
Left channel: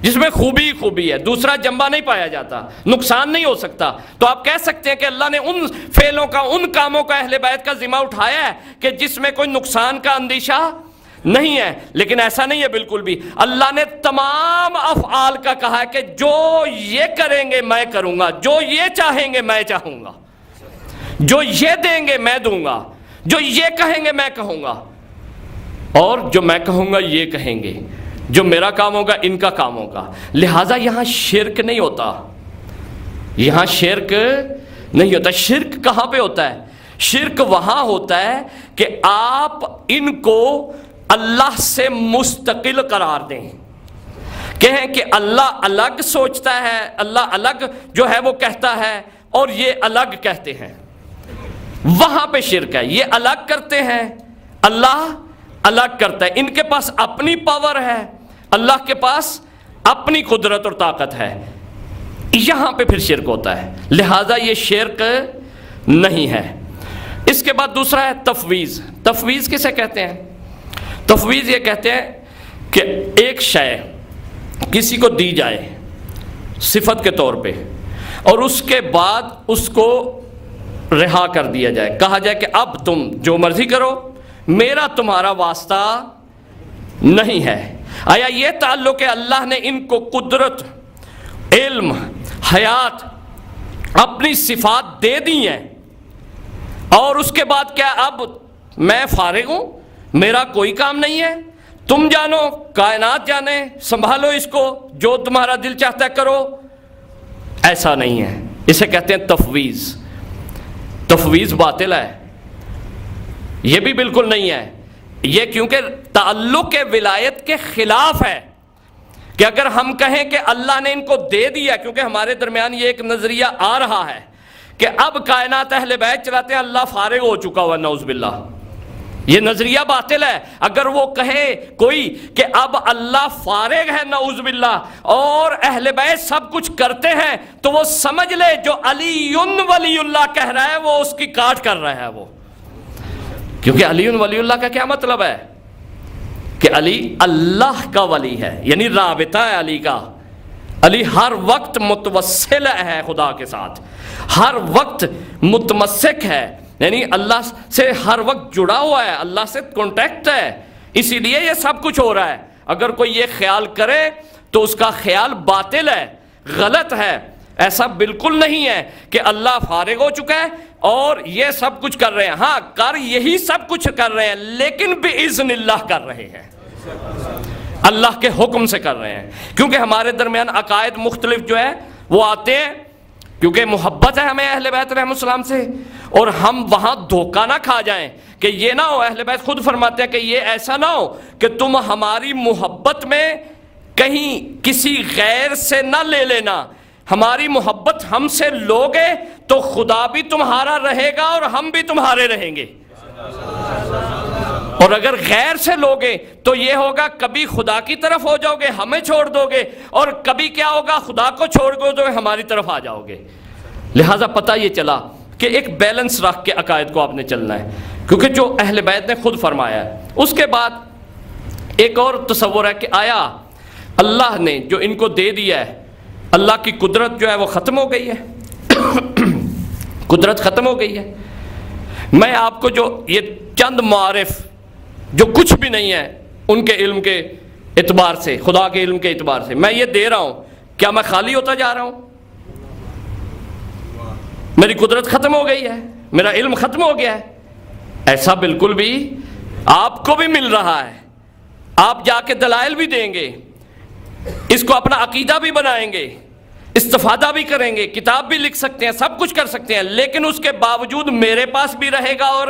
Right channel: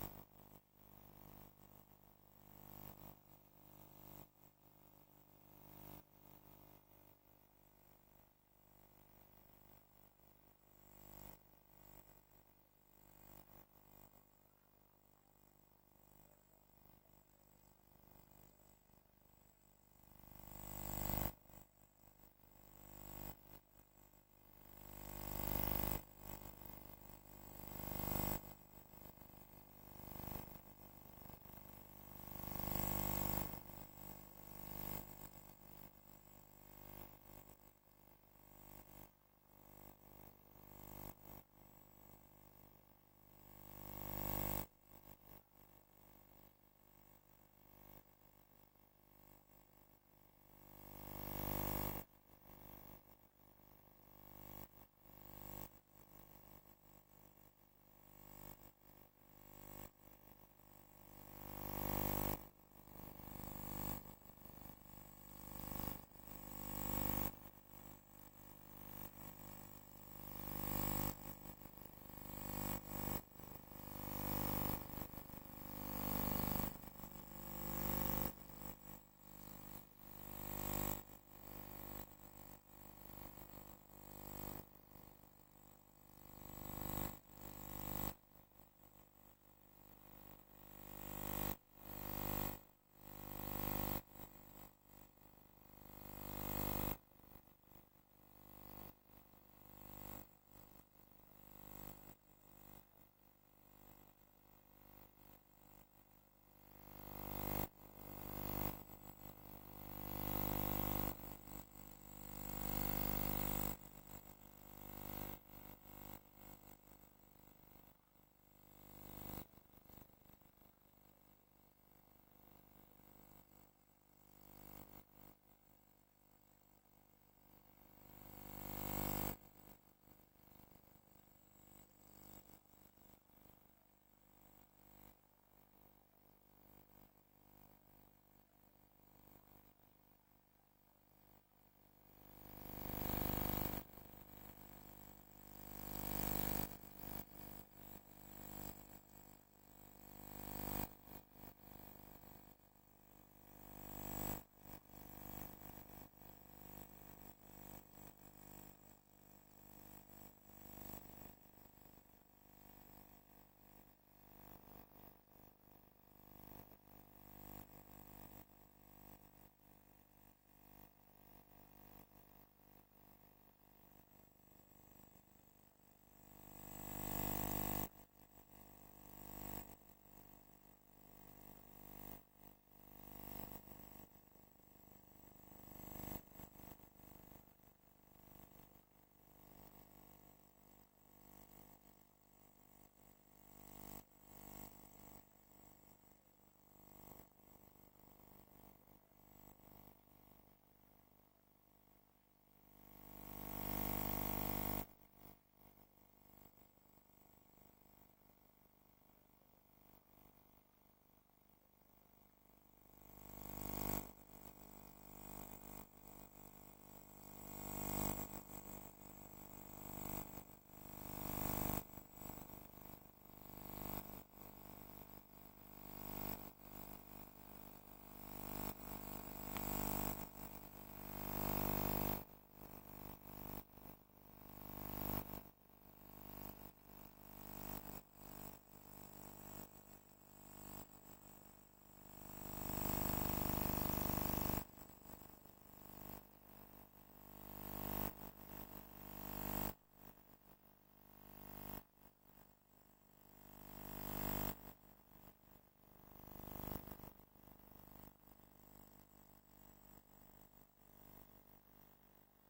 جس میں خوبی ہی خوبی ہے، دوسرا جنبہ نہیں پایا جاتا، نقصان نہیں ہو سکتا. تو آپ کہہ سکتے ہیں کہ اللہ نے ان فعلوں کا، ان کاموں کا اہل بیت کا ذمہ اٹھایا ہے کہ جس میں کوئی نقصان کا اندیشہ نہیں ہے، لیکن ایسا نہیں ہے بالکل بھی۔ اللہ نے تمام افعال کا کہا ہے کہ جو یہ کریں گے میں کروں گا، جو یہ چاہیں گے میں چاہوں گا، جو یہ دیں گے میں دوں گا، جو یہ کہیں گے میں کہوں گا، اور جو میں کہوں گا یہ کہیں گے، جو میرا کام ہوگا ان کا کام ہوگا۔ لہٰذا یہاں شرک نہیں ہوتا، یہاں شرک نہیں ہوتا۔ شرک کہاں پہ ہوتا ہے؟ شرک وہاں ہوتا ہے کہ آپ ان کو اللہ سے مستقل قرار دیں، کہیں کہ اللہ الگ سوچتا ہے، اللہ الگ جو ہے وہ کہتا ہے اور یہ الگ کہتے ہیں، وہاں پہ شرک ہے۔ یہ الگ کرتے ہیں، اللہ الگ کرتا ہے، ان کے پاس اپنی پاور ہے، اللہ کے پاس اپنی قدرت اور طاقت ہے، یہاں پہ پھر شرک ہوتا ہے۔ لہٰذا یہ شرک نہیں ہے۔ اس کے بعد دوسرا ہے تفویض۔ تفویض کسے کہتے ہیں؟ تفویض یہ کہتے ہیں کہ ایک شے کسی کو دی جائے صفت کے طور پہ، اور اس کے بعد اس کو رہا کر دیا جائے، کہا جائے کہ اب تم جو مرضی کرو، میرا تمہارا واسطہ نہیں ہے۔ آیا یہ تعلق ہے اللہ نے ان کو قدرت، علم، حیات، اپنی صفات دے دی ہیں، اور اس کے بعد کیا اب میں فارغ ہوں، میرا کوئی کام نہیں ہے، تم جانو، کائنات جانے، سنبھالو اس کو، جو تمہارا دل چاہتا ہے کرو؟ ایسا نہیں ہے، اسے کہتے ہیں تفویض۔ تفویض باطل ہے، یہ بھی بالکل نہیں ہے۔ یہ کیونکہ تعلق ولایت کے خلاف ہے کہ اگر ہم کہیں کہ اللہ نے ان کو دے دیا، کیونکہ ہمارے درمیان یہ ایک نظریہ آ رہا ہے کہ اب کائنات اہل بیت چلاتے ہیں، اللہ فارغ ہو چکا ہوا، نعوذ باللہ، یہ نظریہ باطل ہے۔ اگر وہ کہے کوئی کہ اب اللہ فارغ ہے، نعوذ باللہ، اور اہل بیت سب کچھ کرتے ہیں، تو وہ سمجھ لے جو علی ولی اللہ کہہ رہا ہے وہ اس کی کاٹ کر رہا ہے وہ، کیونکہ علی ولی اللہ کا کیا مطلب ہے؟ کہ علی اللہ کا ولی ہے، یعنی رابطہ ہے علی کا۔ علی ہر وقت متوسل ہے خدا کے ساتھ، ہر وقت متمسک ہے، یعنی اللہ سے ہر وقت جڑا ہوا ہے، اللہ سے کانٹیکٹ ہے، اسی لیے یہ سب کچھ ہو رہا ہے۔ اگر کوئی یہ خیال کرے تو اس کا خیال باطل ہے، غلط ہے۔ ایسا بالکل نہیں ہے کہ اللہ فارغ ہو چکا ہے اور یہ سب کچھ کر رہے ہیں۔ ہاں، کر یہی سب کچھ کر رہے ہیں، لیکن بِإِذْنِ اللہ کر رہے ہیں، اللہ کے حکم سے کر رہے ہیں۔ کیونکہ ہمارے درمیان عقائد مختلف جو ہے وہ آتے ہیں، کیونکہ محبت ہے ہمیں اہل بیت رحمۃ السلام سے، اور ہم وہاں دھوکہ نہ کھا جائیں کہ یہ نہ ہو، اہل بیت خود فرماتے ہیں کہ یہ ایسا نہ ہو کہ تم ہماری محبت میں کہیں کسی غیر سے نہ لے لینا، ہماری محبت ہم سے لوگے تو خدا بھی تمہارا رہے گا اور ہم بھی تمہارے رہیں گے، اور اگر غیر سے لوگے تو یہ ہوگا کبھی خدا کی طرف ہو جاؤ گے، ہمیں چھوڑ دو گے، اور کبھی کیا ہوگا، خدا کو چھوڑ دو گے، ہماری طرف آ جاؤ گے۔ لہٰذا پتہ یہ چلا کہ ایک بیلنس رکھ کے عقائد کو آپ نے چلنا ہے، کیونکہ جو اہل بیت نے خود فرمایا ہے۔ اس کے بعد ایک اور تصور ہے کہ آیا اللہ نے جو ان کو دے دیا ہے، اللہ کی قدرت جو ہے وہ ختم ہو گئی ہے؟ قدرت ختم ہو گئی ہے۔ میں آپ کو جو یہ چند معارف جو کچھ بھی نہیں ہے ان کے علم کے اعتبار سے، خدا کے علم کے اعتبار سے میں یہ دے رہا ہوں، کیا میں خالی ہوتا جا رہا ہوں؟ میری قدرت ختم ہو گئی ہے، میرا علم ختم ہو گیا ہے؟ ایسا بالکل بھی آپ کو بھی مل رہا ہے، آپ جا کے دلائل بھی دیں گے، اس کو اپنا عقیدہ بھی بنائیں گے، استفادہ بھی کریں گے، کتاب بھی لکھ سکتے ہیں، سب کچھ کر سکتے ہیں، لیکن اس کے باوجود میرے پاس بھی رہے گا اور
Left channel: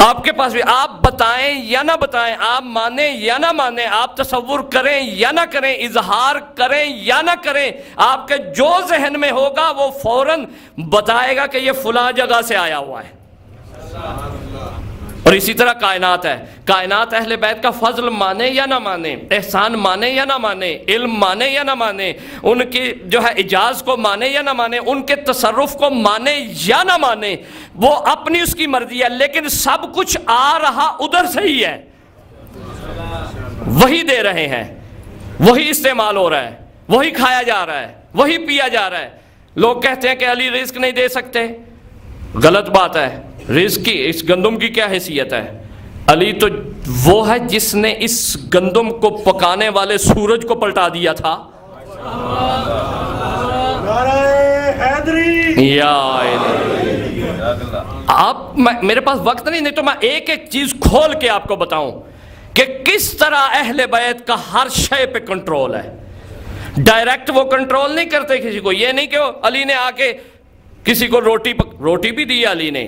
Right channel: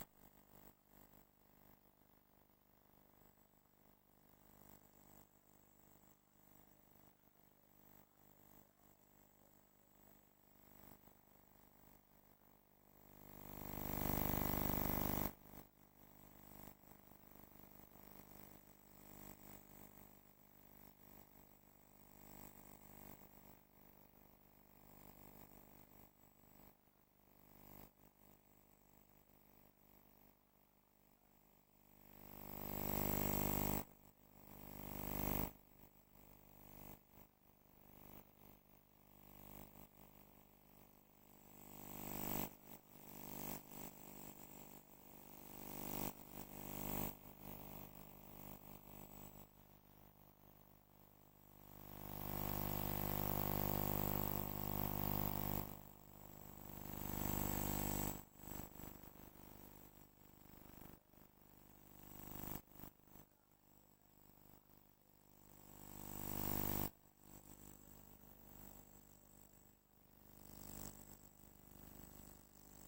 آپ کے پاس بھی۔ آپ بتائیں یا نہ بتائیں، آپ مانیں یا نہ مانیں، آپ تصور کریں یا نہ کریں، اظہار کریں یا نہ کریں، آپ کے جو ذہن میں ہوگا وہ فوراً بتائے گا کہ یہ فلاں جگہ سے آیا ہوا ہے۔ اور اسی طرح کائنات ہے، کائنات اہل بیت کا فضل مانے یا نہ مانے، احسان مانے یا نہ مانے، علم مانے یا نہ مانے، ان کی جو ہے اعجاز کو مانے یا نہ مانے، ان کے تصرف کو مانے یا نہ مانے، وہ اپنی اس کی مرضی ہے، لیکن سب کچھ آ رہا ادھر سے ہی ہے، وہی دے رہے ہیں، وہی استعمال ہو رہا ہے، وہی کھایا جا رہا ہے، وہی پیا جا رہا ہے۔ لوگ کہتے ہیں کہ علی رزق نہیں دے سکتے، غلط بات ہے۔ رزق کی، اس گندم کی کیا حیثیت ہے؟ علی تو وہ ہے جس نے اس گندم کو پکانے والے سورج کو پلٹا دیا تھا. یا آپ میرے پاس وقت نہیں تو میں ایک ایک چیز کھول کے آپ کو بتاؤں کہ کس طرح اہل بیت کا ہر شے پہ کنٹرول ہے. ڈائریکٹ وہ کنٹرول نہیں کرتے کسی کو. یہ نہیں کہ علی نے آ کے کسی کو روٹی بھی دی علی نے,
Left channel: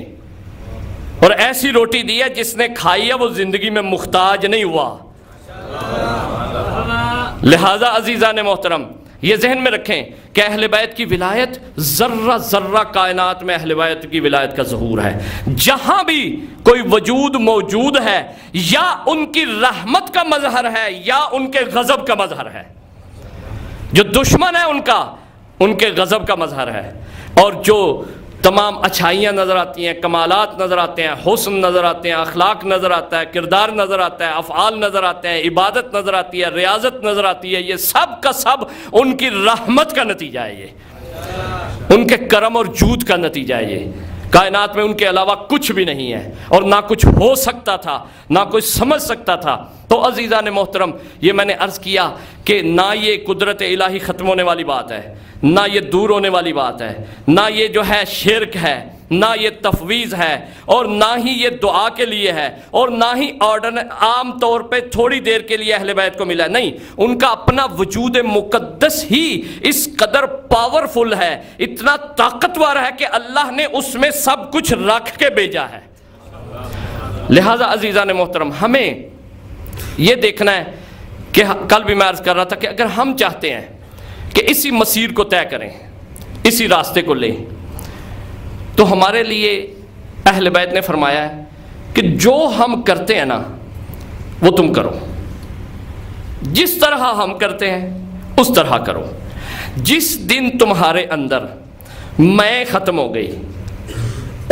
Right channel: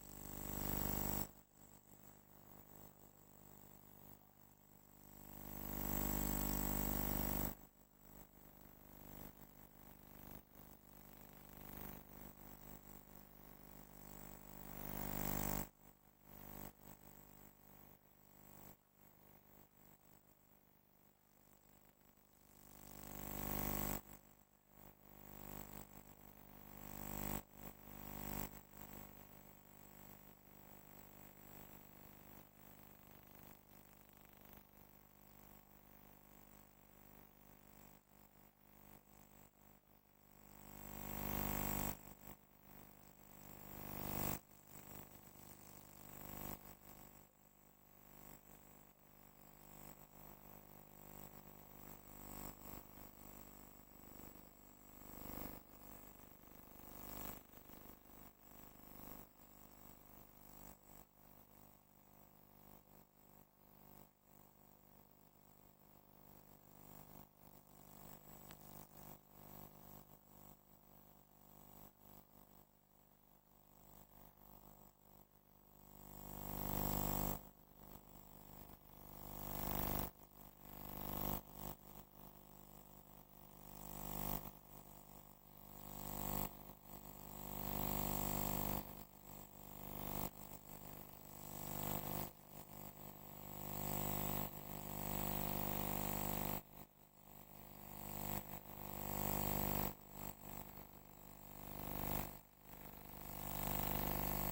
اور ایسی روٹی دی ہے جس نے کھائی ہے وہ زندگی میں محتاج نہیں ہوا. لہذا عزیزان محترم یہ ذہن میں رکھیں کہ اہل بیت کی ولایت ذرہ ذرہ کائنات میں اہل بیت کی ولایت کا ظہور ہے. جہاں بھی کوئی وجود موجود ہے یا ان کی رحمت کا مظہر ہے یا ان کے غضب کا مظہر ہے. جو دشمن ہے ان کے غضب کا مظہر ہے, اور جو تمام اچھائیاں نظر آتی ہیں, کمالات نظر آتے ہیں, حسن نظر آتے ہیں, اخلاق نظر آتا ہے, کردار نظر آتا ہے, افعال نظر آتے ہیں, عبادت نظر آتی ہے, ریاضت نظر آتی ہے, یہ سب کا سب ان کی رحمت کا نتیجہ ہے. یہ ان کے کرم اور جود کا نتیجہ ہے. یہ کائنات میں ان کے علاوہ کچھ بھی نہیں ہے, اور نہ کچھ ہو سکتا تھا, نہ کوئی سمجھ سکتا تھا. تو عزیزان محترم یہ میں نے عرض کیا کہ نہ یہ قدرت الہی ختم ہونے والی بات ہے, نہ یہ دور ہونے والی بات ہے, نہ یہ جو ہے شرک ہے, نہ یہ تفویض ہے, اور نہ ہی یہ دعا کے لیے ہے, اور نہ ہی عام طور پہ تھوڑی دیر کے لیے اہل بیت کو ملا. نہیں, ان کا اپنا وجود مقدس ہی اس قدر پاورفل ہے, اتنا طاقتور ہے کہ اللہ نے اس میں سب کچھ رکھ کے بھیجا ہے. لہذا عزیزان محترم ہمیں یہ دیکھنا ہے کہ کل بھی میں عرض کر رہا تھا کہ اگر ہم چاہتے ہیں کہ اسی مسیر کو طے کریں, اسی راستے کو لیں, تو ہمارے لیے اہل بیت نے فرمایا ہے کہ جو ہم کرتے ہیں نا وہ تم کرو, جس طرح ہم کرتے ہیں اس طرح کرو. جس دن تمہارے اندر میں ختم ہو گئی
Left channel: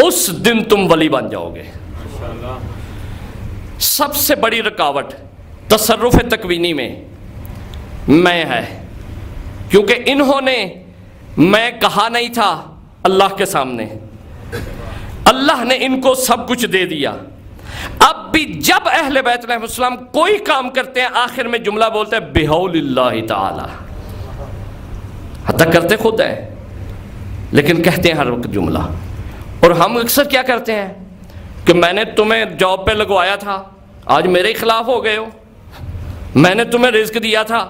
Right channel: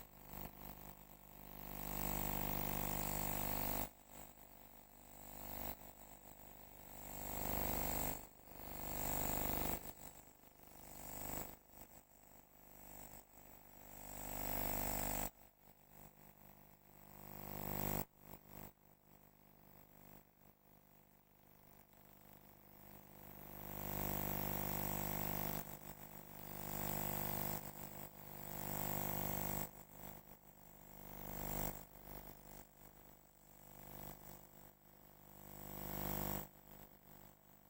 اس دن تم ولی بن جاؤ گے. سب سے بڑی رکاوٹ تصرف تکوینی میں ہے, کیونکہ انہوں نے میں کہا نہیں تھا اللہ کے سامنے, اللہ نے ان کو سب کچھ دے دیا. اب بھی جب اہل بیت علیہ السلام کوئی کام کرتے ہیں آخر میں جملہ بولتے ہیں بحول اللہ تعالی, حتیٰ کرتے خود ہیں لیکن کہتے ہیں ہر وقت جملہ. اور ہم اکثر کیا کرتے ہیں کہ میں نے تمہیں جاب پہ لگوایا تھا, آج میرے خلاف ہو گئے ہو. میں نے تمہیں رزق دیا تھا,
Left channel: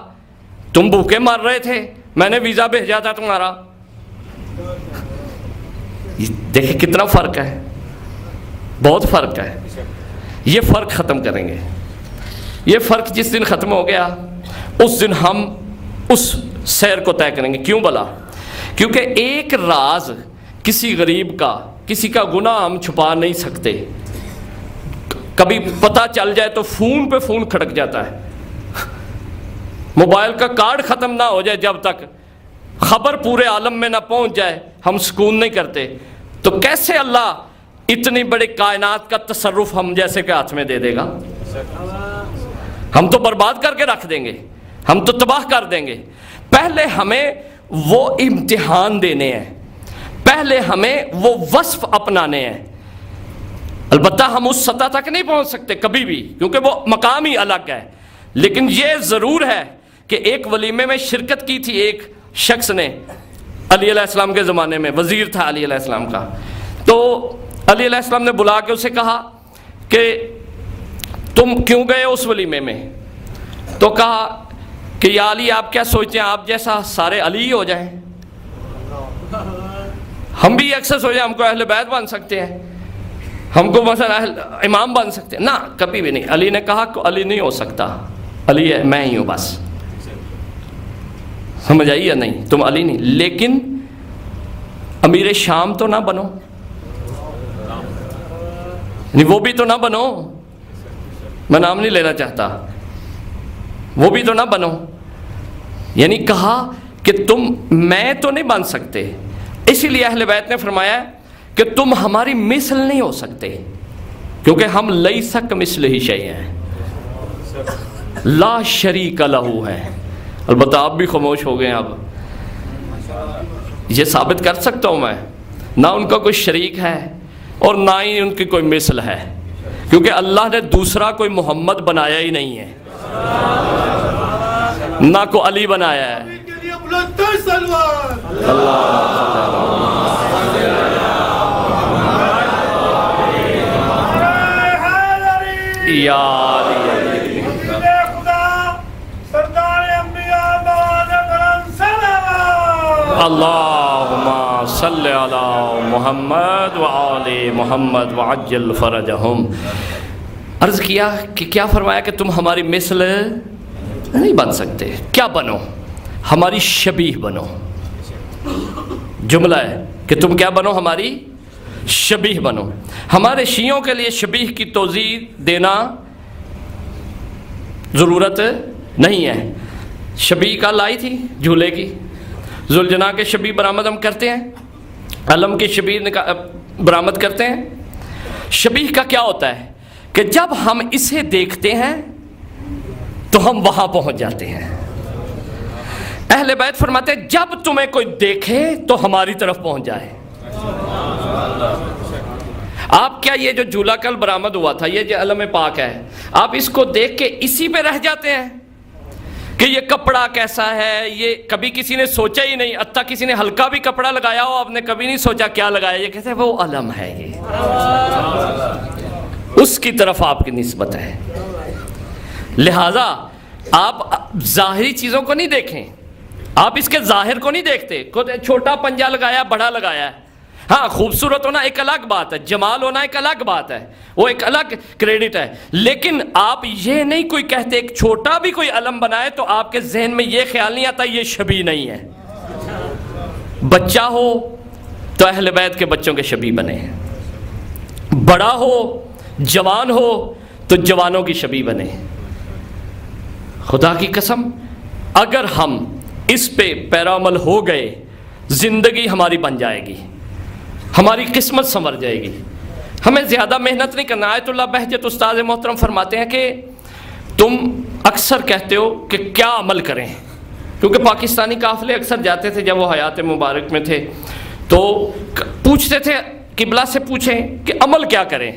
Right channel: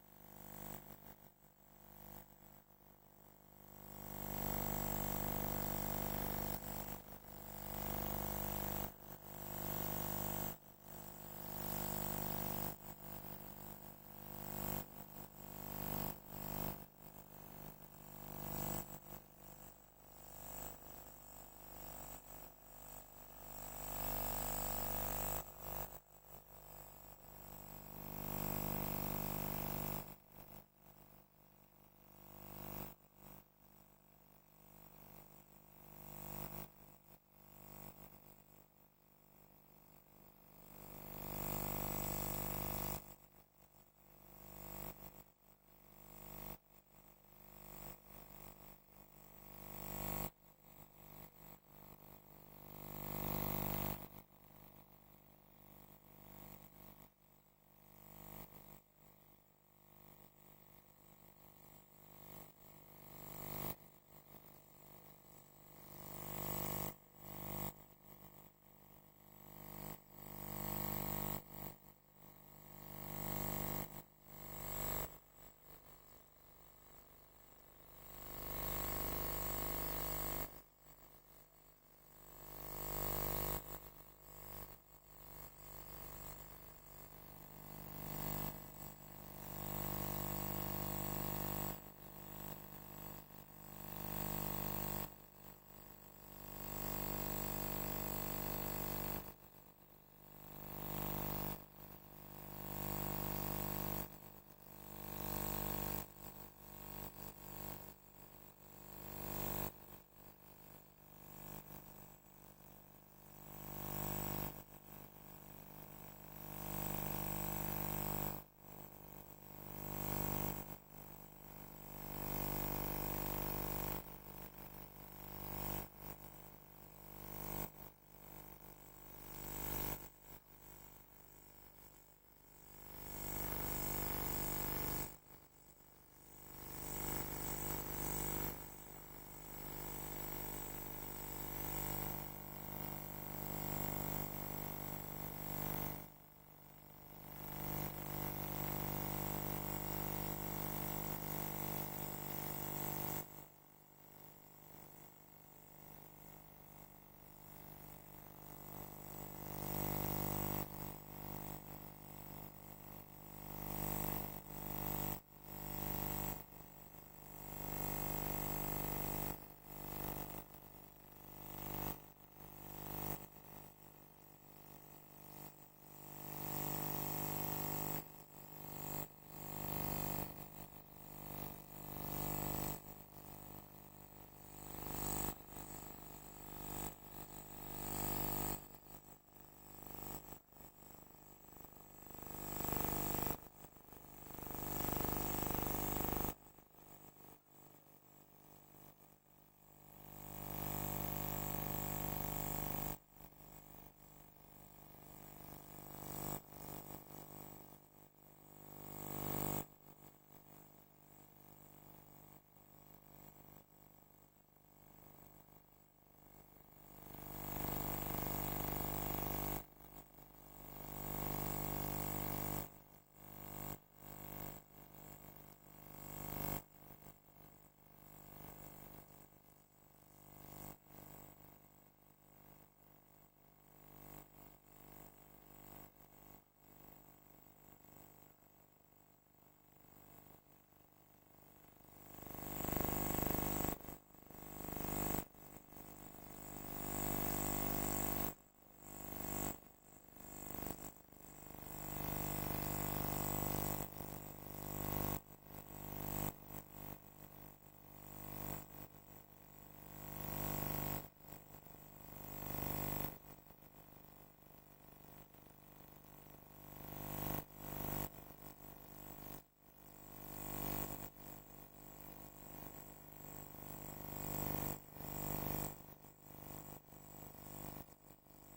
تم بھوکے مر رہے تھے, میں نے ویزا بھیجا تھا تمہارا. دیکھیں کتنا فرق ہے, بہت فرق ہے. یہ فرق ختم کریں گے. یہ فرق جس دن ختم ہو گیا اس دن ہم اس سیر کو طے کریں گے. کیوں بلا؟ کیونکہ ایک راز کسی غریب کا, کسی کا گناہ ہم چھپا نہیں سکتے. کبھی پتہ چل جائے تو فون پہ فون کھڑک جاتا ہے, موبائل کا کارڈ ختم نہ ہو جائے جب تک خبر پورے عالم میں نہ پہنچ جائے ہم سکون نہیں کرتے. تو کیسے اللہ اتنی بڑی کائنات کا تصرف ہم جیسے کے ہاتھ میں دے دے گا؟ ہم تو برباد کر کے رکھ دیں گے, ہم تو تباہ کر دیں گے. پہلے ہمیں وہ امتحان دینے ہیں, پہلے ہمیں وہ وصف اپنانے ہیں. البتہ ہم اس سطح تک نہیں پہنچ سکتے کبھی بھی, کیونکہ وہ مقام ہی الگ ہے. لیکن یہ ضرور ہے کہ ایک ولیمے میں شرکت کی تھی ایک شخص نے, علی علیہ السلام کے زمانے میں وزیر تھا علی علیہ السلام کا. تو علی علیہ السلام نے بلا کے اسے کہا کہ تم کیوں گئے اس ولیمے میں؟ تو کہا کہ یا علی آپ کیا سوچتے ہیں آپ جیسا سارے علی ہو جائیں؟ ہم بھی اکثر سوچیں ہم کو اہل بیت بن سکتے ہیں, ہم کو مثلا امام بن سکتے ہیں. نہ, کبھی بھی نہیں. علی نے کہا کہ علی نہیں ہو سکتا, علی ہے میں ہی ہوں بس. سمجھ آئی یا نہیں؟ تم علی نہیں, لیکن امیر شام تو نہ بنو, نہیں وہ بھی تو نہ بنو, میں نام نہیں لینا چاہتا, وہ بھی تو نہ بنو. یعنی کہا کہ تم میں تو نہیں بن سکتے, اسی لیے اہل بیت نے فرمایا کہ تم ہماری مثل نہیں ہو سکتے, کیونکہ ہم لیس کمثلہ شیء ہیں, لا شریک لہ ہے. البتہ آپ بھی خاموش ہو گئے ہیں. اب یہ ثابت کر سکتا ہوں میں, نہ ان کا کوئی شریک ہے اور نہ ہی ان کی کوئی مثل ہے. کیونکہ اللہ نے دوسرا کوئی محمد بنایا ہی نہیں ہے، نہ کو علی بنایا ہے۔ اللہم صلی علی محمد وآل محمد وعجل فرجہم۔ عرض کیا کہ کیا فرمایا کہ تم ہماری مثل نہیں بن سکتے، کیا بنو؟ ہماری شبیہ بنو۔ جملہ ہے کہ تم کیا بنو؟ ہماری شبیہ بنو۔ ہمارے شیعوں کے لیے شبیہ کی توضیح دینا ضرورت نہیں ہے۔ شبیہ کا لائی تھی جھولے کی، ذوالجناح کے شبیہ برآمد ہم کرتے ہیں، علم کی شبیہ برآمد کرتے ہیں۔ شبیہ کا کیا ہوتا ہے کہ جب ہم اسے دیکھتے ہیں تو ہم وہاں پہنچ جاتے ہیں۔ اہل بیت فرماتے ہیں جب تمہیں کوئی دیکھے تو ہماری طرف پہنچ جائے۔ آپ کیا یہ جو جھولا کل برآمد ہوا تھا، یہ جو علم پاک ہے، آپ اس کو دیکھ کے اسی پہ رہ جاتے ہیں کہ یہ کپڑا کیسا ہے؟ یہ کبھی کسی نے سوچا ہی نہیں، حتیٰ کسی نے ہلکا بھی کپڑا لگایا ہو آپ نے کبھی نہیں سوچا کیا لگایا، یہ کہتے ہیں وہ علم ہے، یہ اس کی طرف آپ کی نسبت ہے۔ لہٰذا آپ ظاہری چیزوں کو نہیں دیکھیں، آپ اس کے ظاہر کو نہیں دیکھتے، چھوٹا پنجہ لگایا بڑا لگایا ہے، ہاں خوبصورت ہونا ایک الگ بات ہے، جمال ہونا ایک الگ بات ہے، وہ ایک الگ کریڈٹ ہے، لیکن آپ یہ نہیں کوئی کہتے ایک چھوٹا بھی کوئی علم بنائے تو آپ کے ذہن میں یہ خیال نہیں آتا یہ شبیہ نہیں ہے۔ بچہ ہو تو اہل بیت کے بچوں کے شبیہ بنے، بڑا ہو جوان ہو تو جوانوں کی شبیہ بنے۔ خدا کی قسم اگر ہم اس پہ پیرامل ہو گئے زندگی ہماری بن جائے گی، ہماری قسمت سنور جائے گی۔ ہمیں زیادہ محنت نہیں کرنا۔ آیت اللہ بہجت استاد محترم فرماتے ہیں کہ تم اکثر کہتے ہو کہ کیا عمل کریں، کیونکہ پاکستانی قافلے اکثر جاتے تھے جب وہ حیات مبارک میں تھے تو پوچھتے تھے قبلہ سے پوچھیں کہ عمل کیا کریں۔